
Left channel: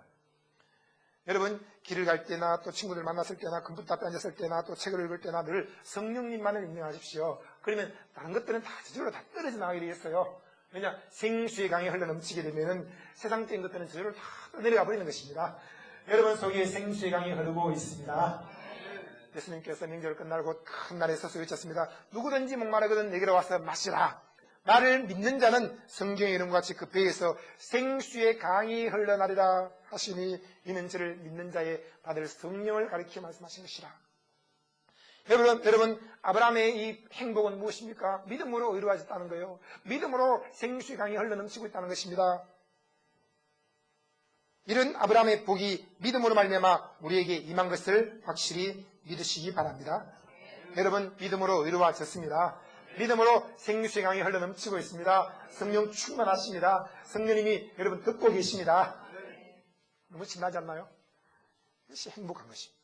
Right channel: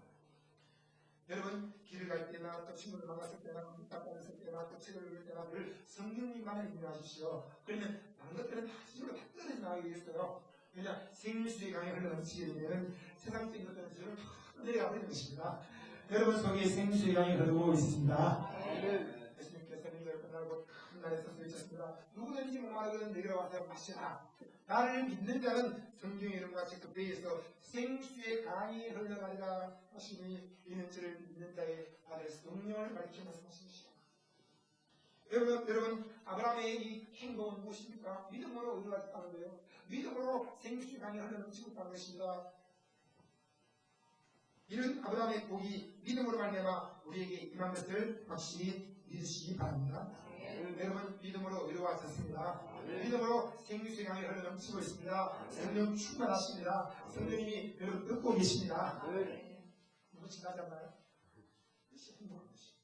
여러분 길을 갈 때나 또 친구들 만났을 때나 컴퓨터 앞에 앉았을 때나 또 책을 읽을 때나 늘 성령님만을 인정하십시오. 그러면 다른 것들은 다 저절로 다 떨어져 나가게 되겠어요. 왜냐 생수의 강이 흘러넘치게 되면 세상적인 것들은 저절로 다 내려가 버리는 것입니다. 여러분 속에 생수의 강이 흐르고 있습니다. 예수님께서 명절 끝나고 큰 날에 서서 외쳤습니다. 누구든지 목마르거든 내게로 와서 마시라. 나를 믿는 자는 성경의 이름과 같이 그 배에서 생수의 강이 흘러나리라 하시니 이는 저를 믿는 자의 받을 성령을 가리켜 말씀하신 것이라. 여러분 아브라함의 이 행복은 무엇입니까? 믿음으로 이루어졌다는 거예요. 믿음으로 생수의 강이 흘러넘치고 있다는 것입니다. 이런 아브라함의 복이 믿음으로 말미암아 우리에게 임한 것을 확실히 믿으시기 바랍니다. 여러분 믿음으로 이루어졌습니다. 믿음으로 생수의 강이 흘러넘치고 있습니다. 성령 충만하십니다. 성령님이 여러분 듣고 계십니다. 너무 신나지 않나요? 이것이 행복한 것입니다.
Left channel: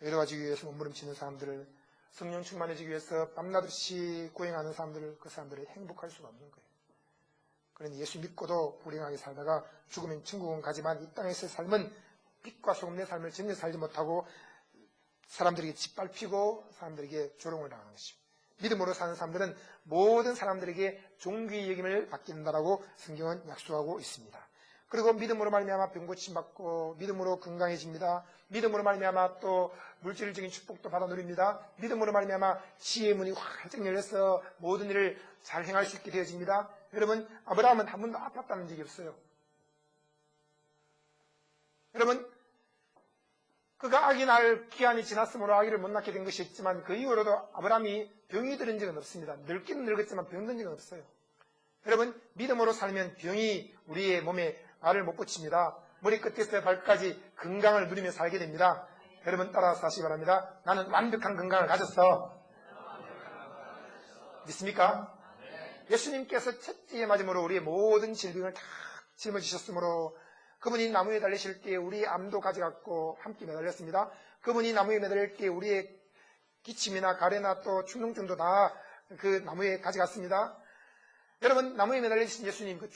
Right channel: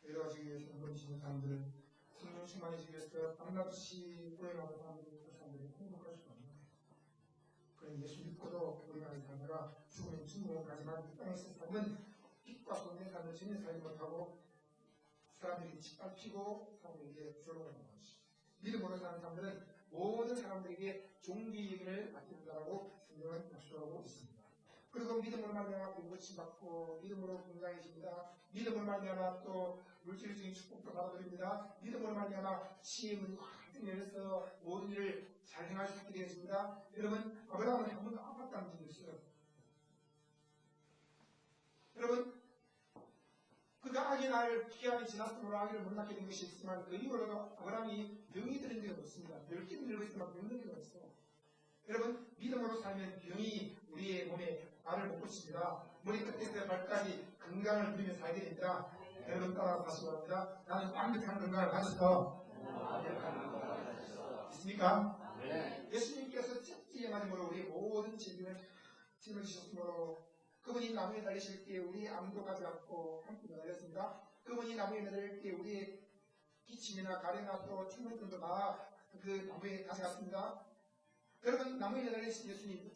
이루어지기 위해서 몸부림치는 사람들을, 성령 충만해지기 위해서 밤낮없이 고행하는 사람들을, 그 사람들은 행복할 수가 없는 거예요. 그런데 예수 믿고도 불행하게 살다가 죽으면 천국은 가지만 이 땅에서의 삶은 빛과 소금의 삶을 전혀 살지 못하고 사람들에게 짓밟히고 사람들에게 조롱을 당하는 것입니다. 믿음으로 사는 사람들은 모든 사람들에게 존귀의 여김을 받는다라고 성경은 약속하고 있습니다. 그리고 믿음으로 말미암아 병 고침 받고 믿음으로 건강해집니다. 믿음으로 말미암아 또 물질적인 축복도 받아 누립니다. 믿음으로 말미암아 지혜의 문이 활짝 열려서 모든 일을 잘 행할 수 있게 되어집니다. 여러분 아브라함은 한 번도 아팠다는 적이 없어요. 여러분 그가 아기 낳을 기한이 지났으므로 아기를 못 낳게 된 것이 있지만 그 이후로도 아브라함이 병이 들은 적은 없습니다. 늙기는 늙었지만 병든 적은 없어요. 여러분 믿음으로 살면 병이 우리의 몸에 알을 못 붙입니다. 머리 끝에서 발까지 건강을 누리며 살게 됩니다. 여러분 따라서 하시기 바랍니다. 나는 완벽한 건강을 가졌어. 믿습니까? 예수님께서 첫째에 맞음으로 우리의 모든 질병을 다 짊어지셨으므로 그분이 나무에 달리실 때 우리의 암도 가져갔고 함께 매달렸습니다. 그분이 나무에 매달릴 때 우리의 기침이나 가래나 또 충농증도 다 그 나무에 가져갔습니다. 여러분 나무에 매달리신 예수님 그